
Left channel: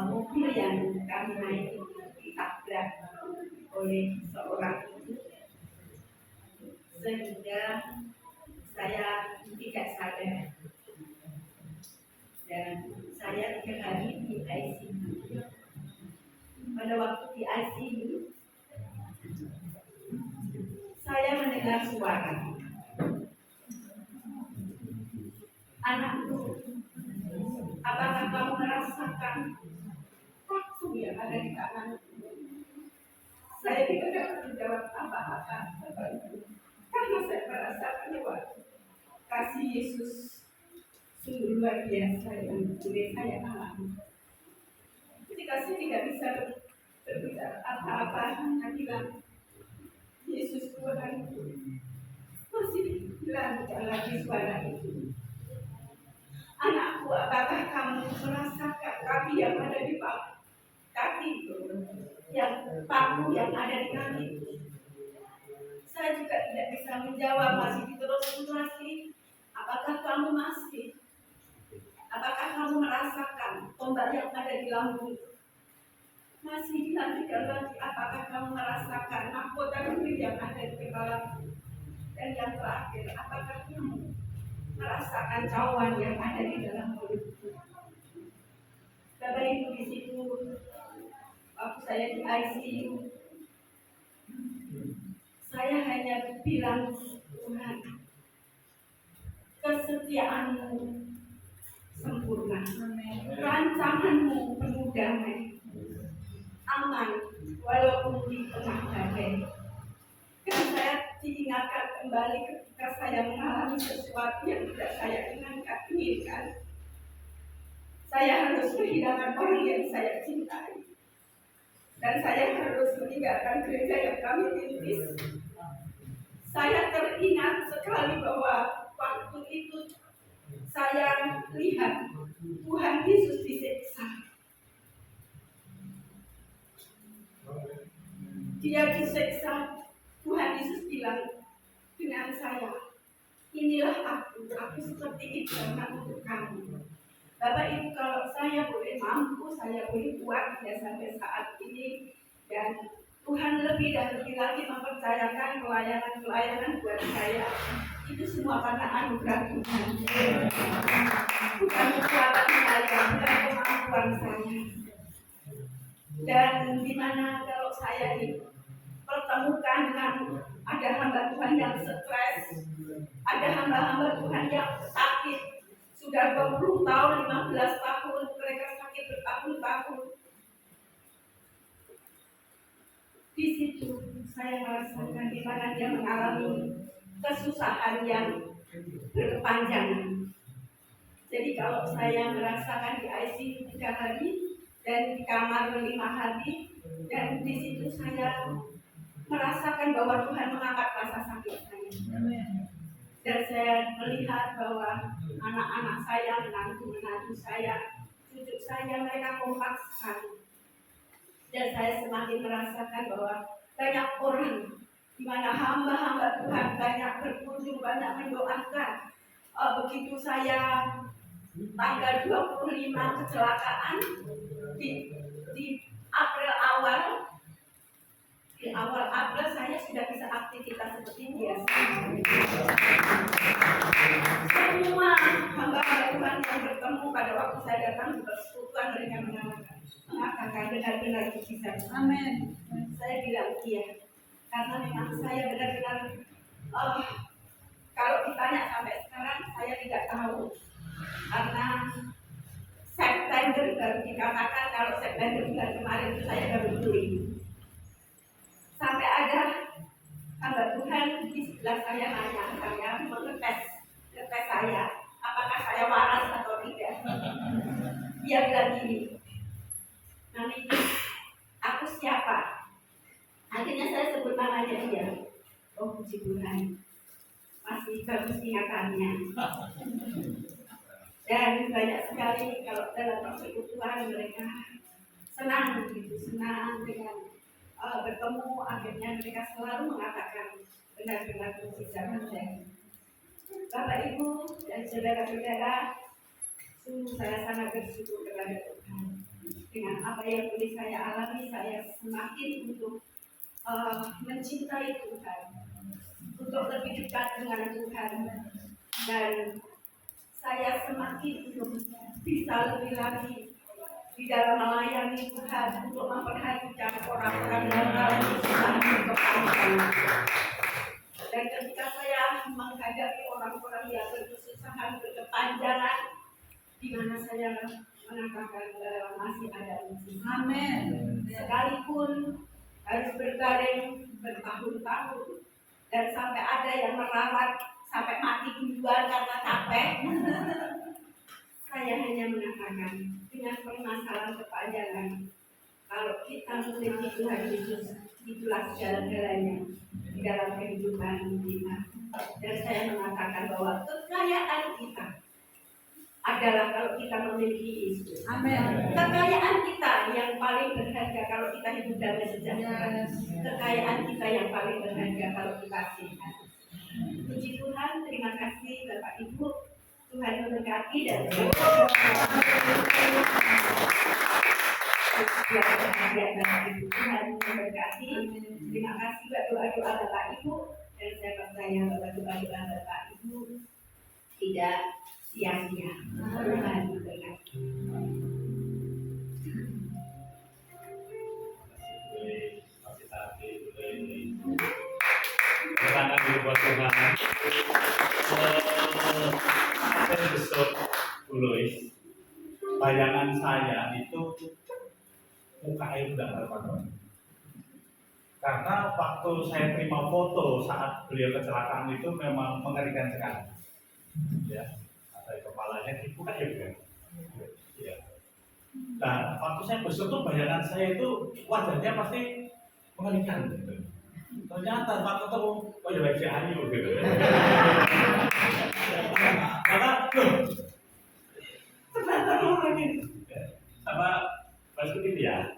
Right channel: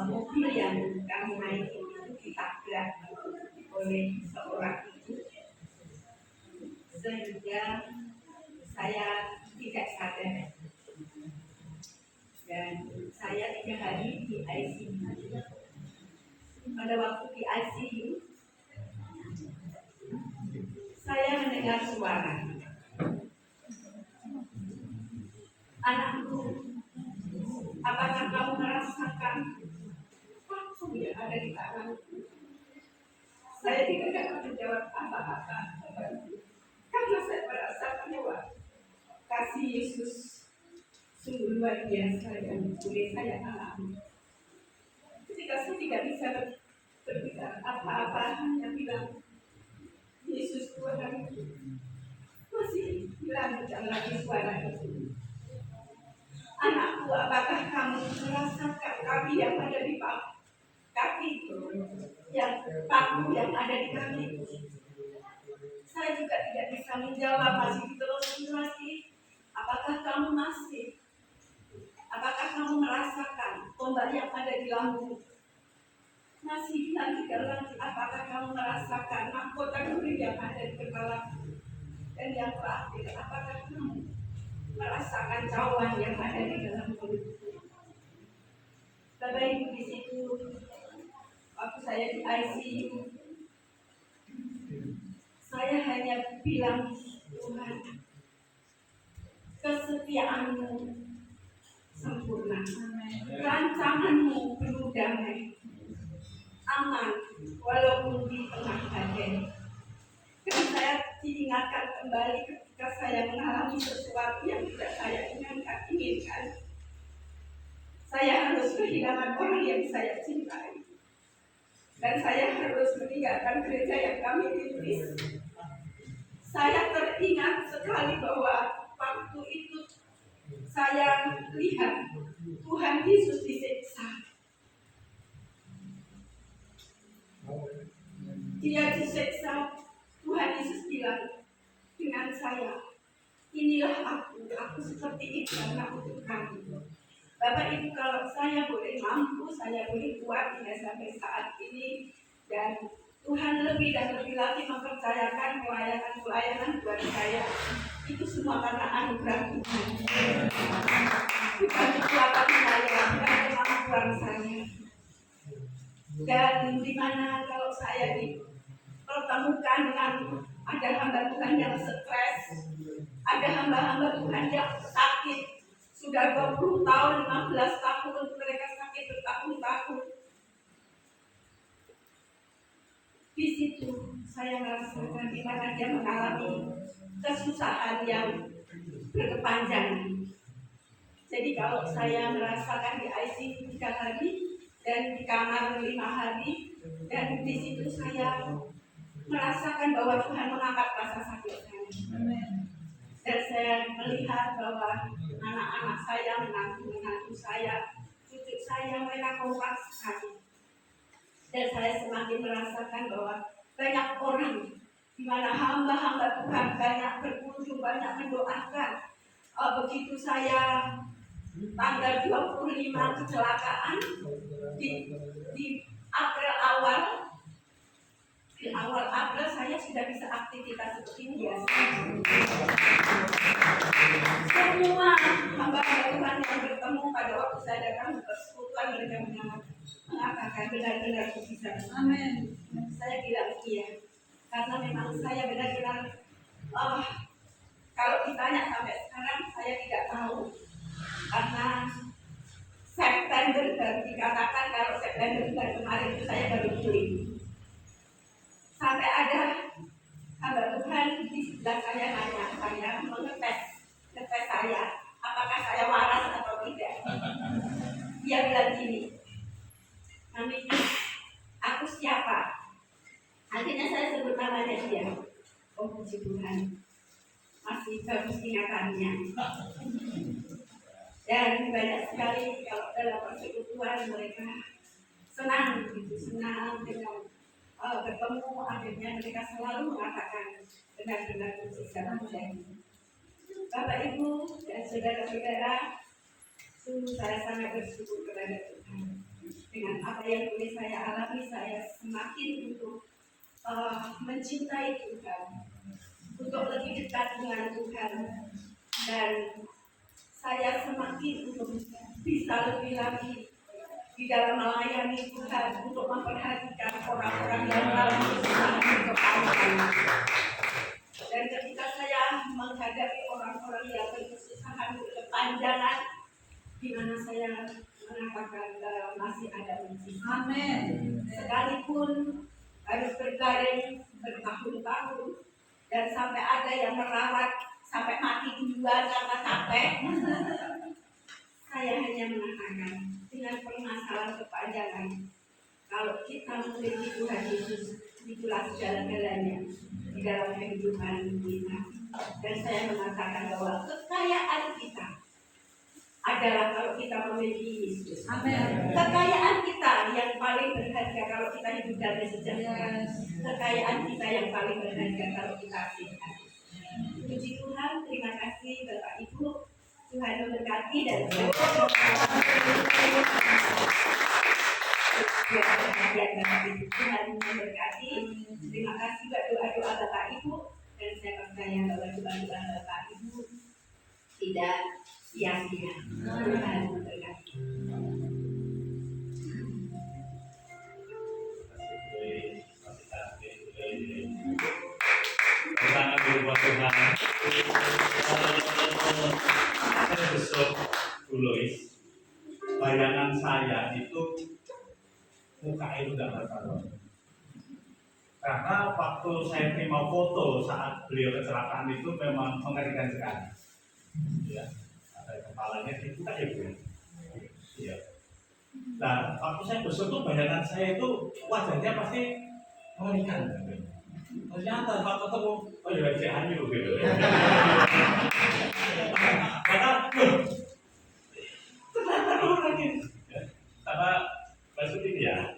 mobil yang kami naiki itu ditabrak oleh seorang ibu sehingga saya tidak sadar dan saya 3 hari di ICU. Pada waktu di ICU saya mendengar suara, "Anakku, apakah kamu merasakan waktu yang ada di tanganku?" Saya tidak dapat menjawab apa-apa karena saya merasakan bahwa kasih Yesus sungguh luar biasa yang boleh saya alami. Ketika saya tidak bisa berbicara apa-apa, saya bilang, "Yesus Tuhan," masih lancar lagi suara itu. "Anakku, apakah kamu merasakan kaki yang ada di kaki yang paku yang ada di kaki?" Saya juga tidak bisa menjawab, masih diteruskan lagi. "Apakah kamu merasakan tombak yang ada di lambung?" Masih dilanjutkan lagi, "Apakah kamu merasakan mahkota duri yang ada di kepala?" Dan yang terakhir, "Apakah kamu merasakan cawan yang ada di dalam mulutku?" Bapak Ibu, di situ waktu saya di ICU, saya hanya bilang, "Tuhan, kesetiaan-Mu sempurna, rancangan-Mu penuh damai, aman walaupun di tengah badai." Dan saya diingatkan kembali ketika saya mengalami sesuatu yang tidak saya inginkan. Saya harus kehilangan orang yang saya cintai, dan saya harus meninggalkan gereja yang kami rintis. Saya teringat sekali bahwa waktu itu saya lihat Tuhan Yesus disiksa. Dia disiksa, Tuhan Yesus bilang dengan saya, "Inilah aku seperti itu karena untuk kamu." Bapak Ibu, kalau saya boleh mampu, saya boleh kuat ya sampai saat ini, dan Tuhan lebih dan lebih lagi mempercayakan pelayanan buat saya, itu semua karena anugerah Tuhan. Bukan kekuatan saya, bukan kemampuan saya. Dan dimana kalau saya dipertemukan dengan ada hamba Tuhan yang stres, ada hamba-hamba Tuhan yang sakit, sudah 20 tahun, 15 tahun, mereka sakit bertahun-tahun. Di situ saya merasakan di mana dia mengalami kesusahan yang berkepanjangan. Jadi kalau saya merasakan di ICU 3 hari dan di kamar 5 hari, dan di situ saya merasakan bahwa Tuhan mengangkat rasa sakit saya. Dan saya melihat bahwa anak-anak saya, menantu-menantu saya, cucu saya, mereka kompak sekali. Dan saya semakin merasakan bahwa banyak orang di mana hamba-hamba Tuhan banyak berkunjung, banyak mendoakan. Begitu saya tanggal 25 kecelakaan di April awal, di awal April saya sudah bisa aktivitas seperti biasa. Semua hamba-hamba Tuhan yang bertemu pada waktu saya datang ke persekutuan, mereka mengatakan benar-benar mujizat. Amin. Saya bilang iya, karena memang saya benar-benar kalau ditanya sampai sekarang saya tidak tahu, karena September baru dikatakan, kalau September bulan kemarin itu saya baru pulih. Sampai ada hamba Tuhan di sebelah saya nanya, saya mengetes saya, apakah saya waras atau tidak. Dia bilang gini, Mami, aku siapa? Akhirnya saya sebut namanya dia. Oh puji Tuhan, masih bagus ingatannya. Dan banyak sekali kalau dalam persekutuan mereka senang gitu, senang dengan bertemu. Akhirnya mereka selalu mengatakan benar-benar mujizat terjadi. Bapak Ibu dan saudara-saudara, sungguh saya sangat bersyukur kepada Tuhan. Dengan apa yang boleh saya alami, saya semakin untuk mencintai Tuhan, untuk lebih dekat dengan Tuhan, dan saya semakin untuk bisa lebih lagi di dalam melayani Tuhan, untuk memperhatikan orang-orang yang dalam kesusahan berkepanjangan. Dan ketika saya menghadapi orang-orang yang berkesusahan berkepanjangan, di mana saya mengatakan masih ada mujizat. Amin. Sekalipun harus berbaring bertahun-tahun dan sampai ada yang merawat sampai mati duluan karena capek, saya hanya mengatakan dengan permasalahan kepanjangan, kalau kita memiliki Tuhan Yesus, itulah segala-galanya di dalam kehidupan kita. Dan saya mengatakan bahwa kekayaan kita adalah kalau kita memiliki Yesus. Amin. Kekayaan kita yang paling berharga kalau kita hidup damai sejahtera. Kekayaan kita yang paling berharga kalau kita sehat. Puji Tuhan, terima kasih Bapak Ibu. Tuhan memberkati dan perhatian Bapak Ibu. Tuhan memberkati. Terima kasih buat doa-doa Bapak Ibu, dan saya percaya bahwa doa-doa Bapak Ibu tidak sia-sia. Tuhan memberkati. Karena di rumah Tuhan, saya besok Bulois, bayangan saya itu muka itu tidak berpantau. Karena waktu saya terima foto saat beliau kecelakaan itu memang mengerikan sekali. Ya, ada kepalanya dibuka ya bukan? Iya. Nah, waktu saya besok tuh bayangan saya itu wajahnya pasti mengerikan. Ternyata Pak ketemu, oh ya wajah Ayu gitu. Karena ternyata orang ini sama maksud ini ya,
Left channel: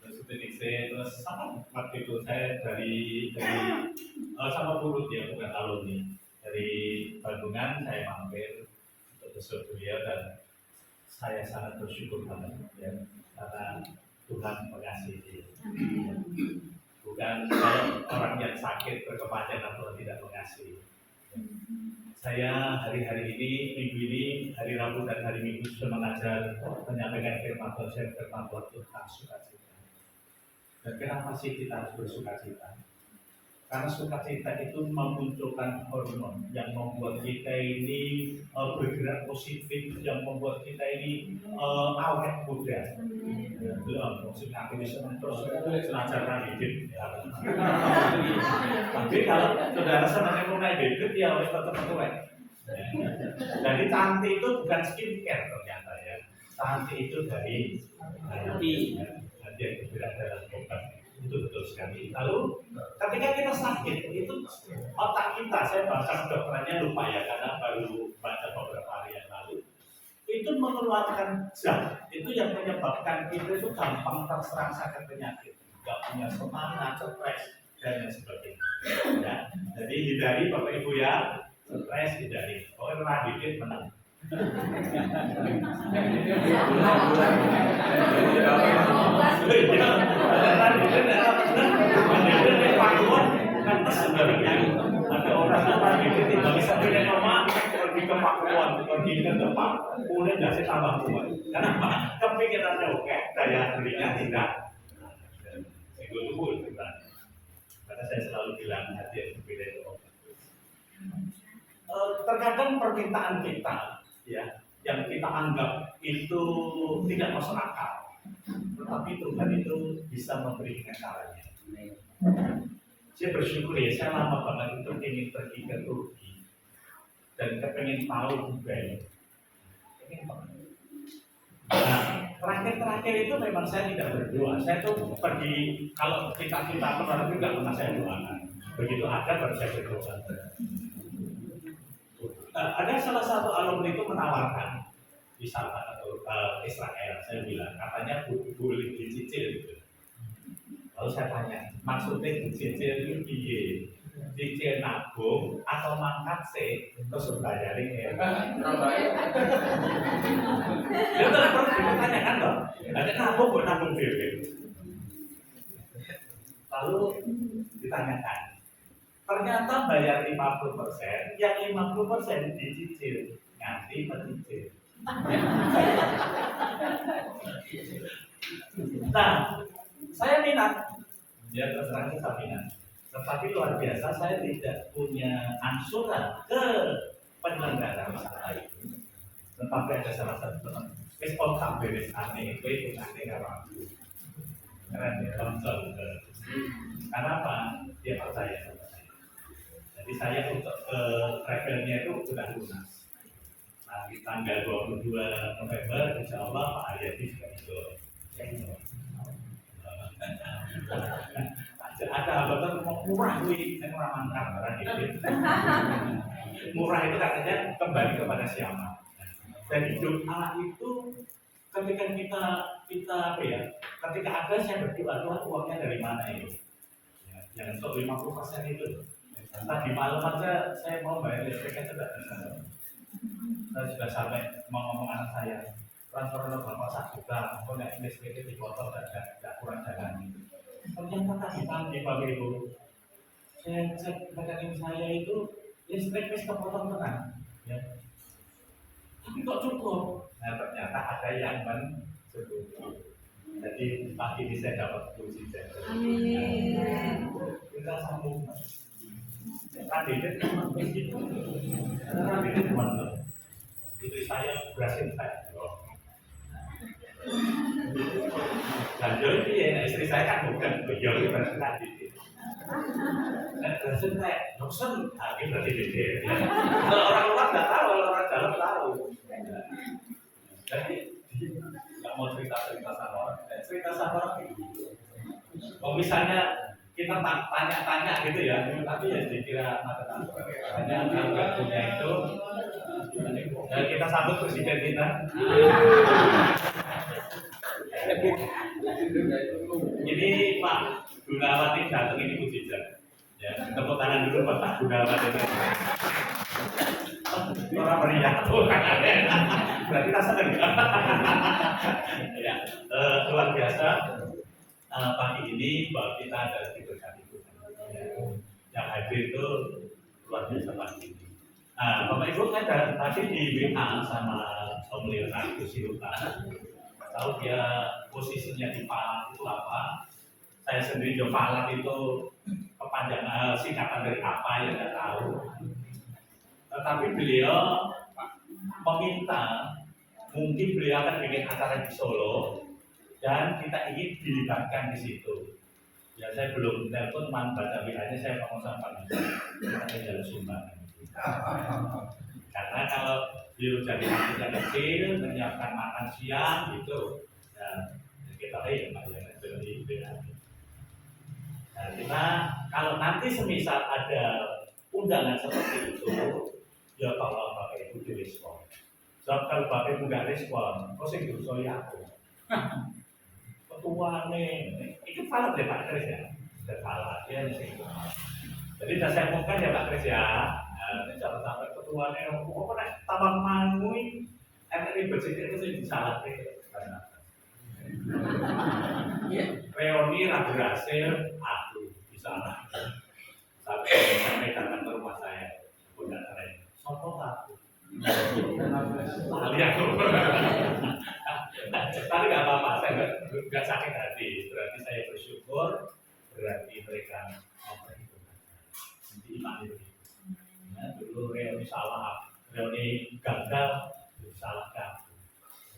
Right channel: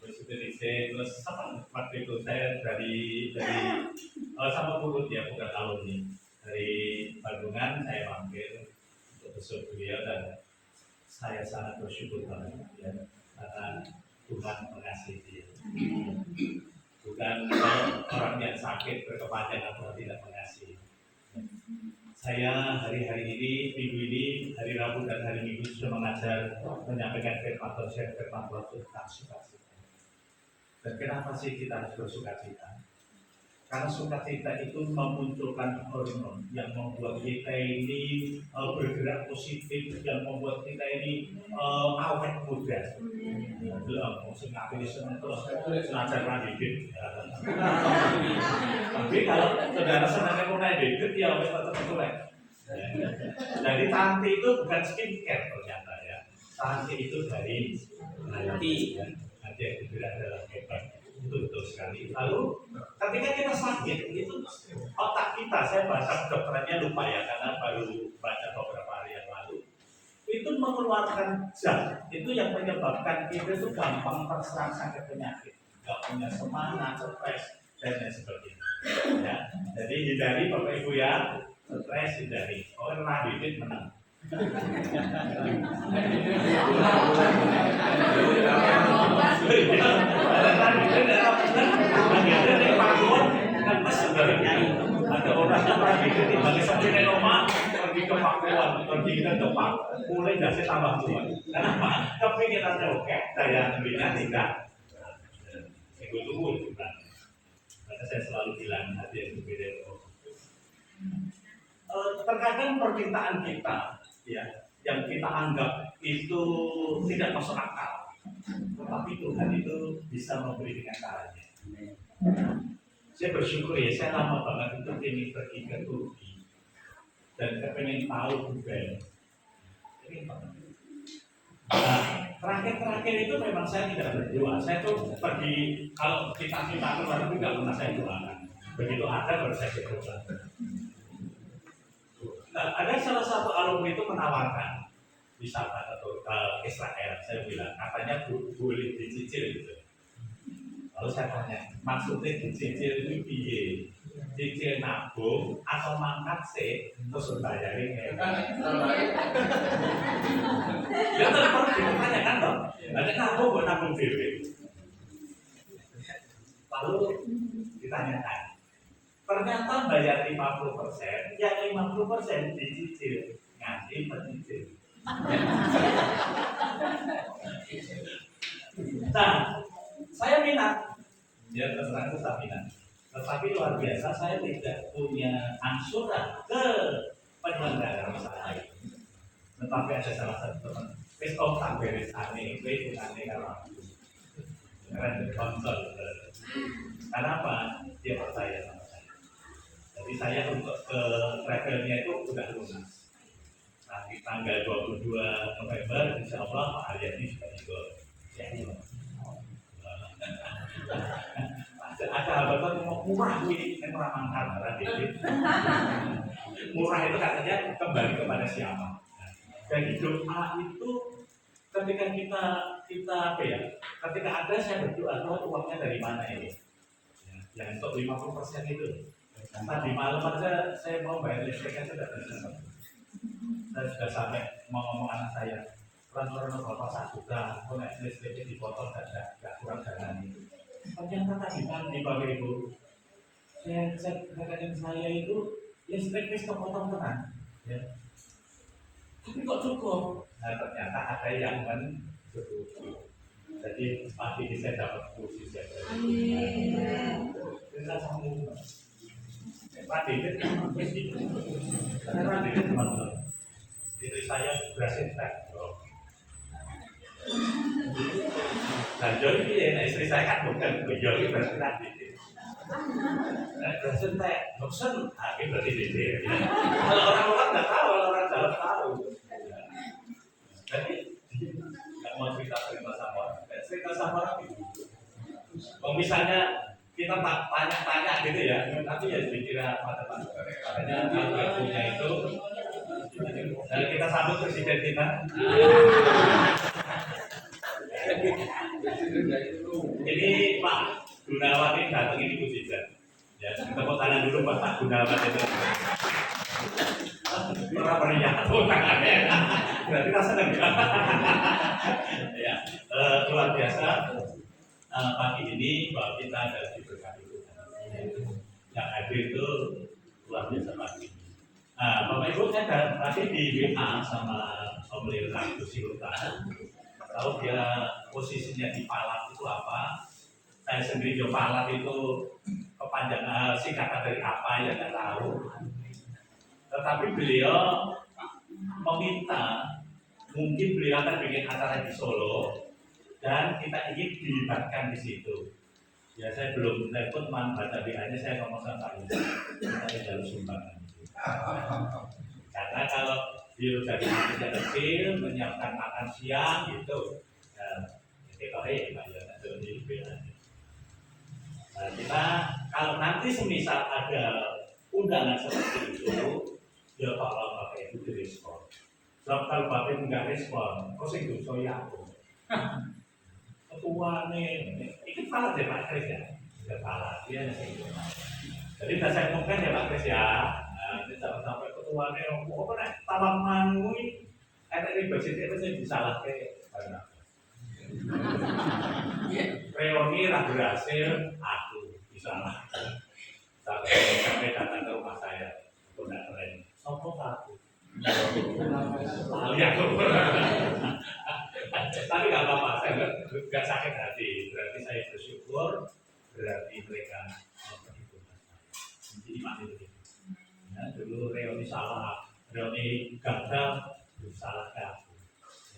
maksud ini saya terus apa waktu itu saya dari sama Purut ya, bukan alumni dari Bandungan, saya mampir untuk besok beliau dan saya sangat bersyukur banget ya, karena Tuhan mengasihi dia. Bukan orang yang sakit berkepanjangan atau tidak mengasihi. Saya hari-hari ini, minggu ini, hari Rabu dan hari Minggu sudah mengajar, menyampaikan firman Tuhan tentang sukacita. Dan kenapa sih kita harus bersukacita? Karena sukacita itu memunculkan hormon yang membuat kita ini bergerak positif, yang membuat kita ini awet muda. Belum, maksudnya aku senang terus belajar hidup. Tapi kalau saudara senang naik hidup, ya harus tetap cuek. Jadi cantik itu bukan skincare ternyata ya. Cantik itu dari hati, hati yang bergerak dalam obat. Itu betul sekali. Lalu ketika kita sakit, itu otak kita, saya bahasa kedokterannya lupa ya, karena baru baca beberapa hari yang lalu, itu mengeluarkan zat itu yang menyebabkan kita itu gampang terserang sakit penyakit, nggak punya semangat, stres dan lain sebagainya. Ya, jadi hindari Bapak Ibu ya, stres hindari. Pokoknya rendah dikit menang. Sebenarnya ada orang yang lain itu bagi sampai normal pergi ke Pakuan, pergi ke tempat mulai dari tambah kuat. Kenapa? Kepikirannya oke, daya belinya tidak. Saya tunggu kita. Karena saya selalu bilang hati yang berbeda itu terkadang permintaan kita, ya, yang kita anggap itu tidak masuk akal, tetapi Tuhan itu bisa memberi dengan caranya. Saya bersyukur ya, saya lama banget itu ingin pergi ke Turki dan kepengen tahu budaya. Nah, terakhir itu memang saya tidak berdoa. Saya tuh pergi, kalau kita keluar negeri nggak pernah saya doakan. Begitu ada baru saya berdoa. Nah, ada salah satu alumni itu menawarkan wisata ke Israel. Saya bilang katanya boleh dicicil gitu. Lalu saya tanya, maksudnya dicicil itu piye? Cicil nabung atau mangkat sih terus bayarin ya? Ya terus kita tanyakan dong, ada nabung buat nabung diri. Lalu ditanyakan, ternyata bayar 50%, yang 50% dicicil, nganti mencicil. Nah, saya minat, ya terserah saya minat. Tetapi luar biasa saya tidak punya angsuran ke penyelenggara wisata ini. Tetapi ada salah satu teman, wis tak beres aneh, itu aneh kalau aku. Karena dia sponsor. Karena apa? Dia percaya sama saya. Jadi saya untuk ke travelnya itu sudah lunas. Nanti tanggal 22 November, insya Allah Pak Aryadi juga ikut. Ada hambatan murah ini murah mantap gitu. Murah itu katanya kembali kepada siapa. Dan doa itu ketika kita apa ya? Ketika ada saya berdoa, Tuhan uangnya dari mana ini? Ya, yang untuk 50% itu. Tadi malam aja saya mau bayar listrik aja tidak bisa. Saya sudah sampai mau ngomong anak saya, transferan bapak 1 juta, kok naik listriknya dipotong tidak kurang jalan itu. Ternyata tadi pagi Bapak Ibu, saya cek rekening saya itu listrik wis kepotong tenang, ya. Tapi kok cukup? Nah ternyata ada yang mencukupi. Jadi pagi ini saya dapat kursi saya. Kita sambung. Radit memang begitu. Karena Radit memang istri saya berhasil tek. Dan jadi ya, istri saya kan bukan bejol berhasil Radit. Berhasil tek, dosen, akhirnya berarti beda. Kalau orang luar nggak tahu, kalau orang dalam tahu. Jadi nggak mau cerita sama orang, cerita sama orang itu. Kalau misalnya kita tanya-tanya gitu ya, tapi ya dikira mata hanya nggak punya itu. Dan kita sambut presiden kita. Ini Pak Gunawati datang ini mujizat. Ya, tepuk tangan dulu Pak Gunawati. Orang meriah, berarti kita senang ya. Luar biasa. Pagi ini bahwa kita ada diberkati Tuhan. Yang hadir itu luar biasa pagi ini. Nah, Bapak Ibu saya tadi di WA sama Om Lirna Gusti Ruta. Tahu dia posisinya di Palat itu apa? Saya sendiri di Palat itu kepanjangan singkatan dari apa ya nggak tahu. Tetapi beliau meminta, mungkin beliau akan bikin acara di Solo. Dan kita ingin dilibatkan di situ. Ya saya belum telepon teman baca WA-nya, saya ngomong sama Pak Yuda, saya jalur sumbangan. Karena kalau beliau jadi artisnya kecil, menyiapkan makan siang gitu, dan kita ya Pak ya, jadi WA. Nah kita kalau nanti semisal ada undangan seperti itu, ya kalau Bapak Ibu direspon. Sebab kalau bapak nggak respon, kok sing dosa ya aku. Ketuane, itu salah deh Pak Kris ya, tidak salah dia sih. Jadi udah saya ngomongkan ya Pak Kris ya, ini jangan sampai ketuane, kok nek tambah manui, enak ribet itu sih disalahkan. Reoni ragu berhasil, aku disalah. Sampai datang ke rumah saya, aku tidak keren. Sopo aku. Lali aku. Tapi nggak apa-apa, saya nggak sakit hati. Berarti saya bersyukur, berarti mereka memperhitungkan saya. Jadi iman itu. Ya, dulu Reoni salah, Reoni gagal, salah kamu.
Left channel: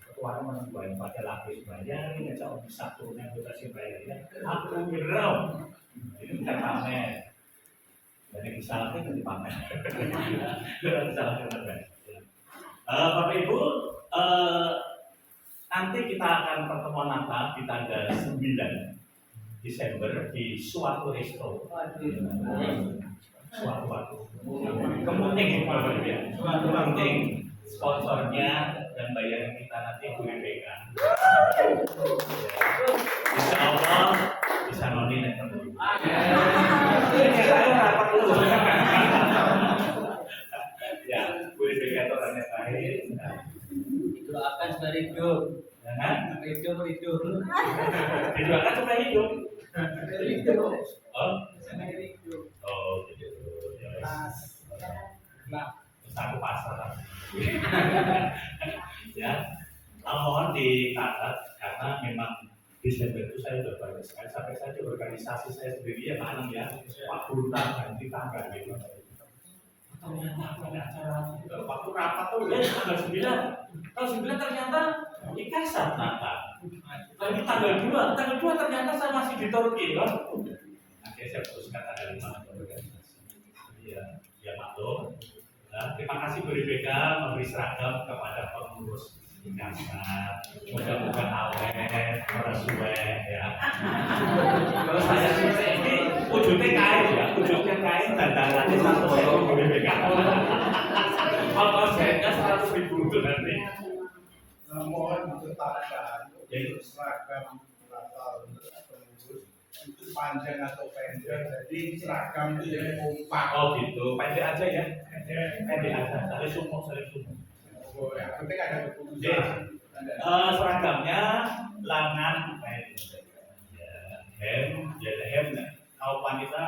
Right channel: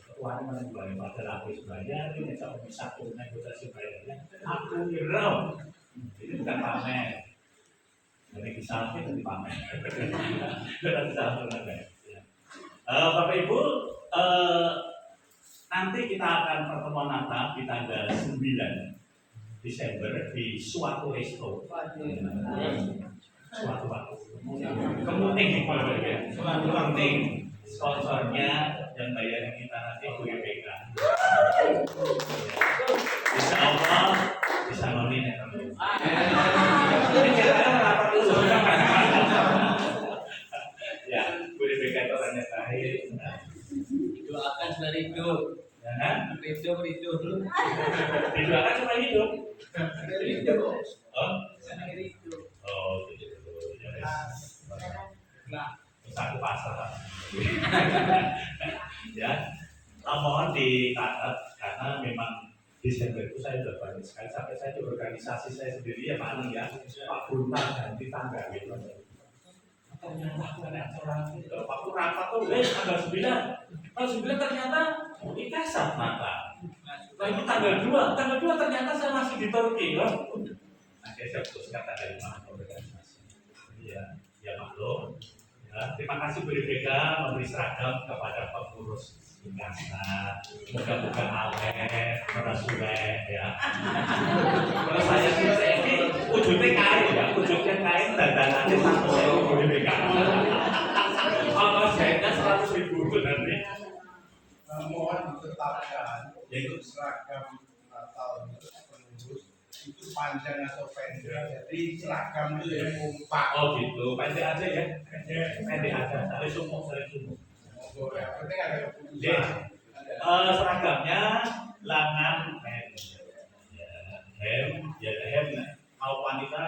Ketuanya menembak pada lapis bayar, ini saya bisa turunnya kita sih bayarnya. Aku wirau, ini bukan pamer. Dan yang disalahkan itu pamer. Tidak disalahkan. Bapak Ibu, nanti kita akan pertemuan Natal di tanggal 9 Desember di suatu resto. Suatu waktu. Kemudian suatu penting sponsornya dan bayaran kita nanti BPK. Insya Allah bisa nominasi terus. Ya, BPK itu orangnya baik. Didoakan sudah hidup, Ya kan? hidup dulu. Didoakan cuma hidup. Hidup, Oh, hidup. oh gitu. Ya, Nah, satu pasar. Ya, mohon dicatat karena memang Desember itu saya sudah banyak sekali sampai saya di organisasi saya sendiri ya Pak Anang ya, Pak Buntar ganti tanggal gitu. Ternyata ada acara waktu rapat tuh tanggal 9. Tanggal 9 ternyata ikasat Natal. Lalu tanggal 2 ternyata saya masih di Turki kan. Akhirnya saya putuskan tanggal 5 organisasi. Ya maklum. Ya, terima kasih BPK memberi seragam kepada pengurus ikasat. Moga-moga awet, merasuwe ya. Kalau saya sih ini wujudnya kain dan dananya 100.000 BPK. Apa jahitnya 100.000 itu nanti. Mohon ditetapkan yaitu seragam Natal pengurus itu panjang atau pendek. Jadi seragam itu yang kompak. Oh gitu, pendek aja ya. Pendek aja, saling sumuk. Oh, yang penting ada keputusan. Seragamnya lengan pendek. Ya, hem. Kalau wanita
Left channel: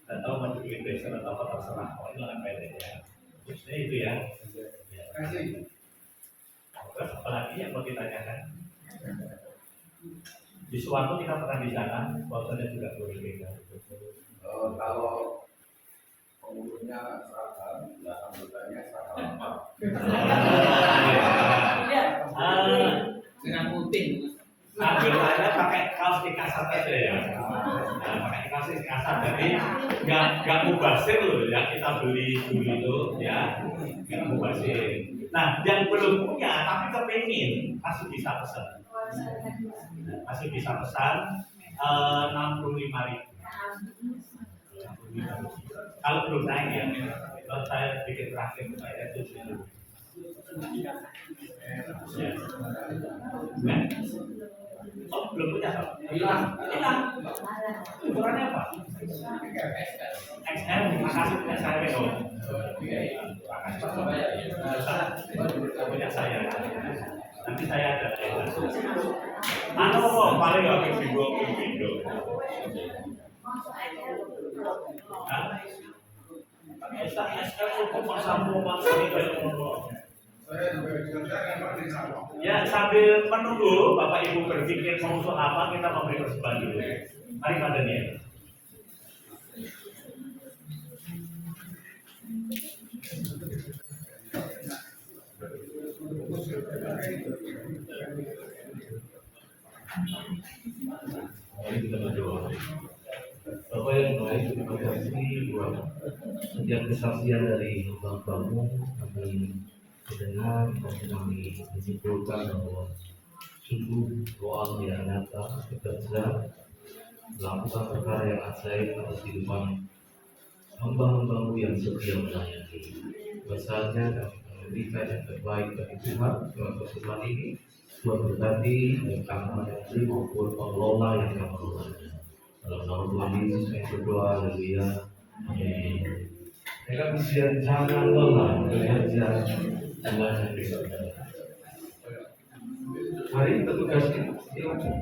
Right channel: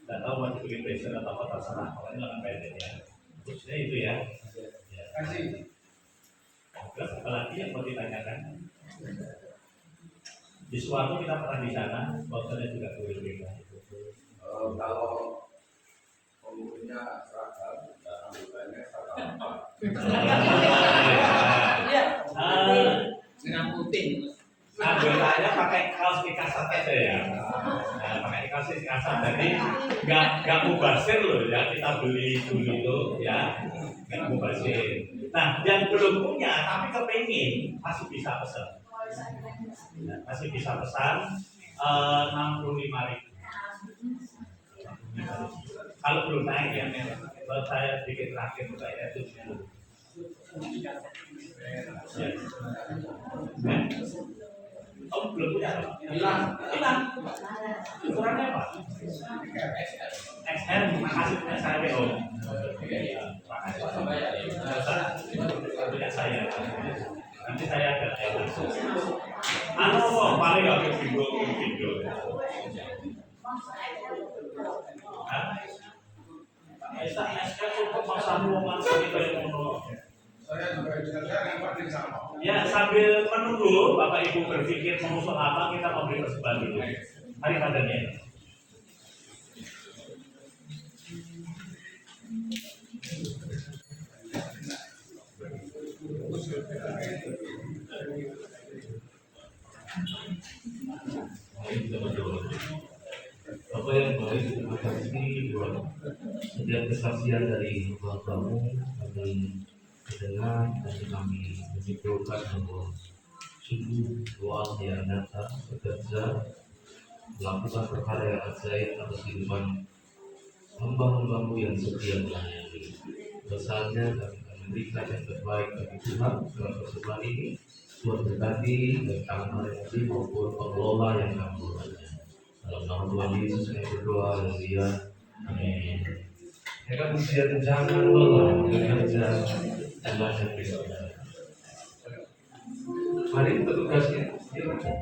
tidak tahu mau dibikin blazer atau apa terserah. Kalau ini lengan pendek ya. Khususnya itu ya. Kasih. Terus apalagi yang mau ditanyakan? Di suatu kita pernah di sana, sponsornya juga boleh beda. Kalau pengurusnya seragam, ya anggotanya seragam apa? dengan putih. Anggotanya pakai kaos dikasat aja ya. Nah, pakai kaos dikasat, jadi nggak mubazir loh ya, kita beli dulu itu ya, nggak mubazir. Nah, yang belum punya tapi kepingin masih bisa pesan. Masih bisa pesan 65.000. Kalau belum naik ya, kalau saya bikin terakhir saya 70. Oh, belum punya Pak? Hilang. Ukurannya apa? XL. Makasih punya saya WO. Makasih punya saya. Nanti saya ada. Paling nggak ke video. XL untuk masamu Saya juga dikerjakan Pak di sana. Ya, sambil menunggu Bapak Ibu berpikir mengusung apa, kita memberi persembahan dulu. Mari Pak Daniel. Mari kita berdoa. Bapak yang baik, terima kasih buat setiap kesaksian dari hamba-Mu. Kami mendengar dan kami menyimpulkan bahwa sungguh doa yang nyata bekerja melakukan perkara yang ajaib atas kehidupan hamba-hamba-Mu yang setia melayani. Besarnya kami memberikan yang terbaik bagi Tuhan dalam pertemuan ini. Tuhan berkati baik kami maupun pengelola yang akan mengelolanya. Dalam nama Tuhan Yesus saya berdoa, haleluya, amin. Mereka bisa jangan lelah belajar Tuhan yang berikan. Mari petugasnya silakan.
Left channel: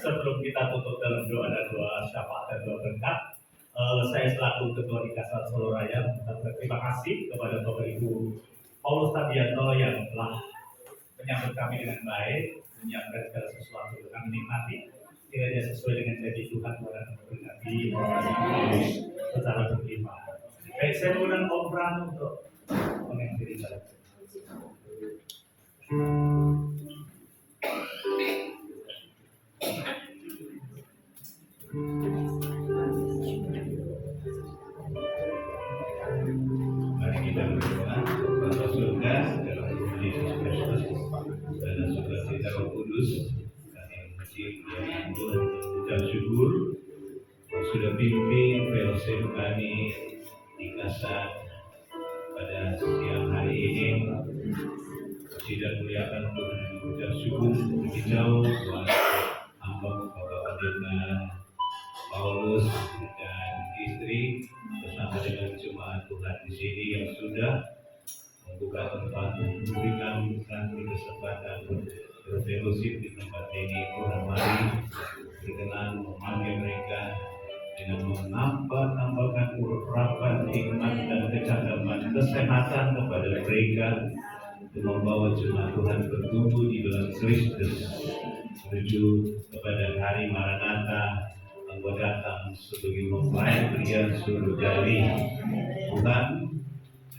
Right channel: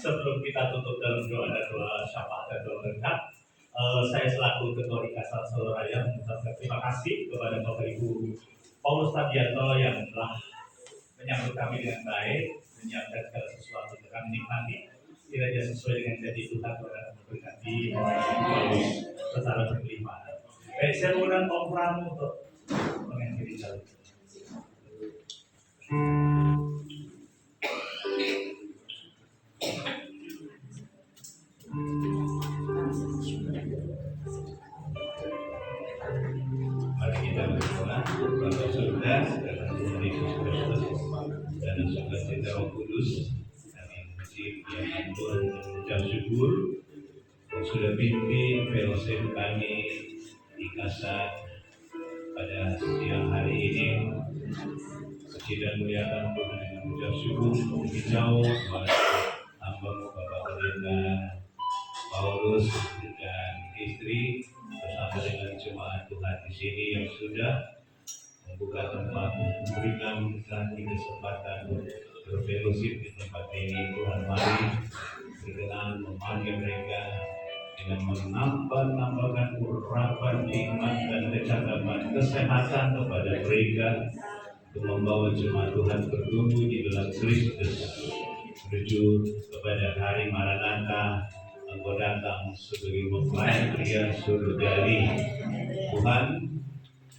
Sebelum kita tutup dalam doa dan doa syafaat dan doa berkat, saya selaku Ketua Dikasal Solo Raya mengucapkan terima kasih kepada Bapak Ibu Paulus Tadianto yang telah menyambut kami dengan baik, menyiapkan segala sesuatu untuk kami nikmati. Kiranya sesuai dengan janji Tuhan, Tuhan akan memberkati secara berlimpah. Baik, saya mengundang Om Pram untuk mengakhiri jalan. Mari kita berdoa. Bapa surga, dalam Tuhan Yesus Kristus dan sukacita Roh Kudus, kami memuji kemuliaan Tuhan dan mengucap syukur yang sudah pimpin fellowship kami di Kasat pada siang hari ini. Puji dan muliakan Tuhan yang mengucap syukur lebih jauh Tuhan hamba-Mu Bapak Pendeta Paulus dan istri bersama dengan jemaat Tuhan di sini yang sudah membuka tempat, memberikan kami kesempatan berfellowship di tempat ini. Tuhan, mari berkenan memanggil mereka dengan menambahkan urapan iman dan kecakapan kesehatan kepada mereka untuk membawa jemaat Tuhan bertumbuh di dalam Kristus menuju kepada hari Maranatha. Engkau datang sebagai mempelai pria surgawi. Tuhan,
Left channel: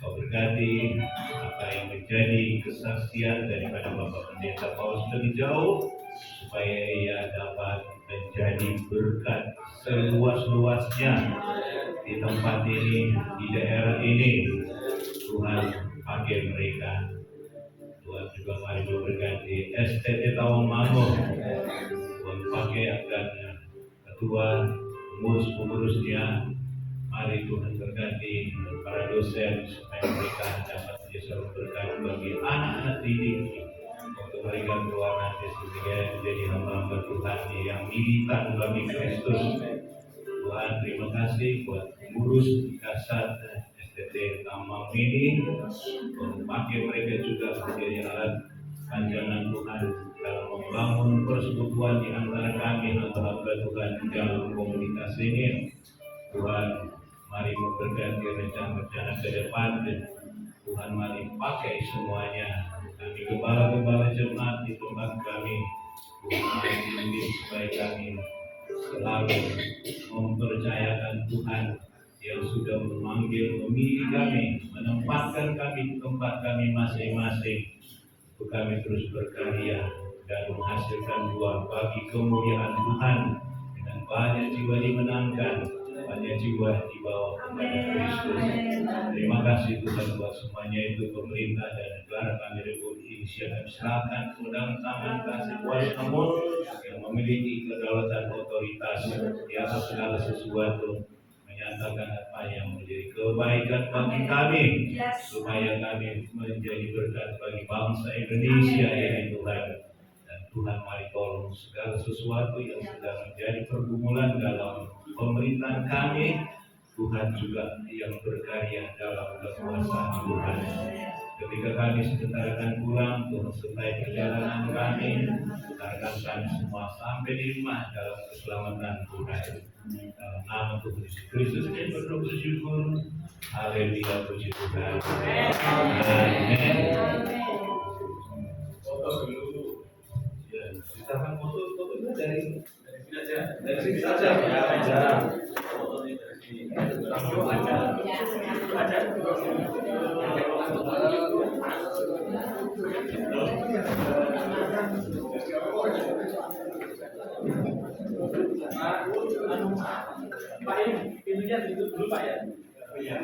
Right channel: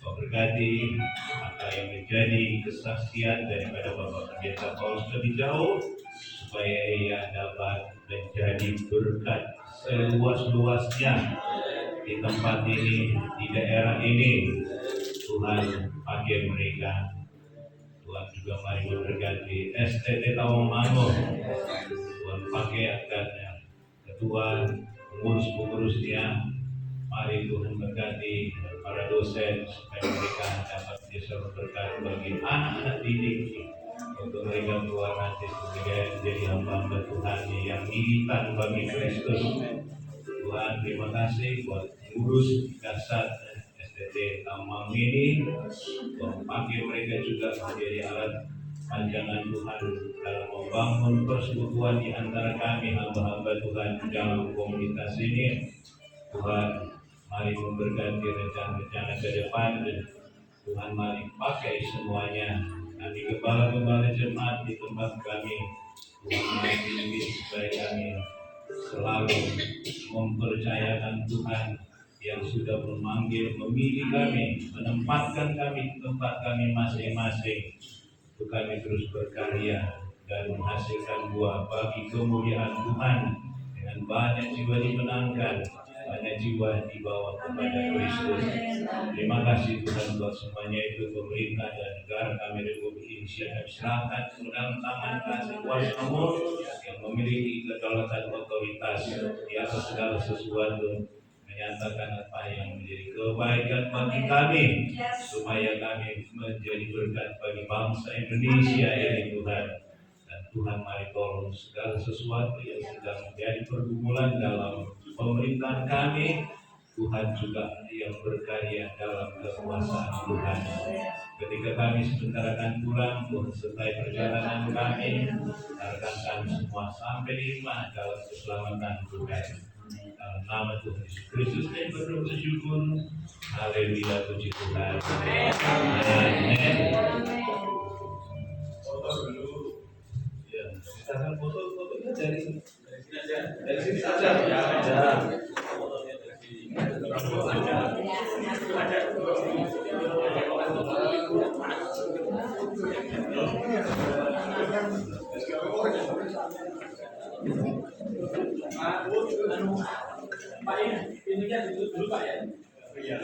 Kau berkati apa yang menjadi kesaksian daripada Bapak Pendeta Paulus lebih jauh, supaya ia dapat menjadi berkat seluas-luasnya di tempat ini, di daerah ini. Tuhan, pakai mereka. Tuhan juga mari memberkati STT Tawangmangu. Tuhan, pakai agarnya ketua, pengurus-pengurusnya. Mari Tuhan berkati para dosen supaya mereka dapat menjadi berkat bagi anak-anak didik, untuk mereka keluar nanti menjadi hamba-hamba Tuhan yang militan bagi Kristus. Tuhan, terima kasih buat pengurus kasat STT Tawangmangu ini. Tuhan, pakai mereka juga menjadi alat panjangan Tuhan dalam membangun persekutuan di antara kami hamba-hamba Tuhan di dalam komunitas ini. Tuhan, mari memberkati rencana-rencana ke depan, dan Tuhan mari pakai semuanya. Kami gembala-gembala jemaat di tempat kami, Tuhan mari bimbing supaya kami selalu mempercayakan Tuhan yang sudah memanggil, memilih kami, menempatkan kami di tempat kami masing-masing, untuk kami terus berkarya dan menghasilkan buah bagi kemuliaan Tuhan, dengan banyak jiwa dimenangkan, banyak jiwa dibawa kepada Kristus. Terima kasih Tuhan buat semuanya itu. Pemerintah dan negara kami Republik Indonesia, silakan sedang tangan kasih kuasa-Mu yang memiliki kedaulatan otoritas di atas segala sesuatu, menyatakan apa yang menjadi kebaikan bagi kami, supaya kami menjadi berkat bagi bangsa Indonesia ini Tuhan. Dan Tuhan, mari tolong segala sesuatu yang sedang menjadi pergumulan dalam pemerintahan kami, Tuhan juga yang berkarya dalam kekuasaan Tuhan. Ketika kami sebentar akan pulang, Tuhan sertai perjalanan kami, tarkan kami semua sampai di rumah dalam keselamatan Tuhan. Dalam nama Tuhan Yesus Kristus kami berdoa bersyukur. Haleluya, puji Tuhan. Amin. Foto dulu. Ya, silakan fotonya dari sini saja. Dari sini saja. Ya. Fotonya dari sini. Pak, pintunya ditutup dulu Pak ya. Iya.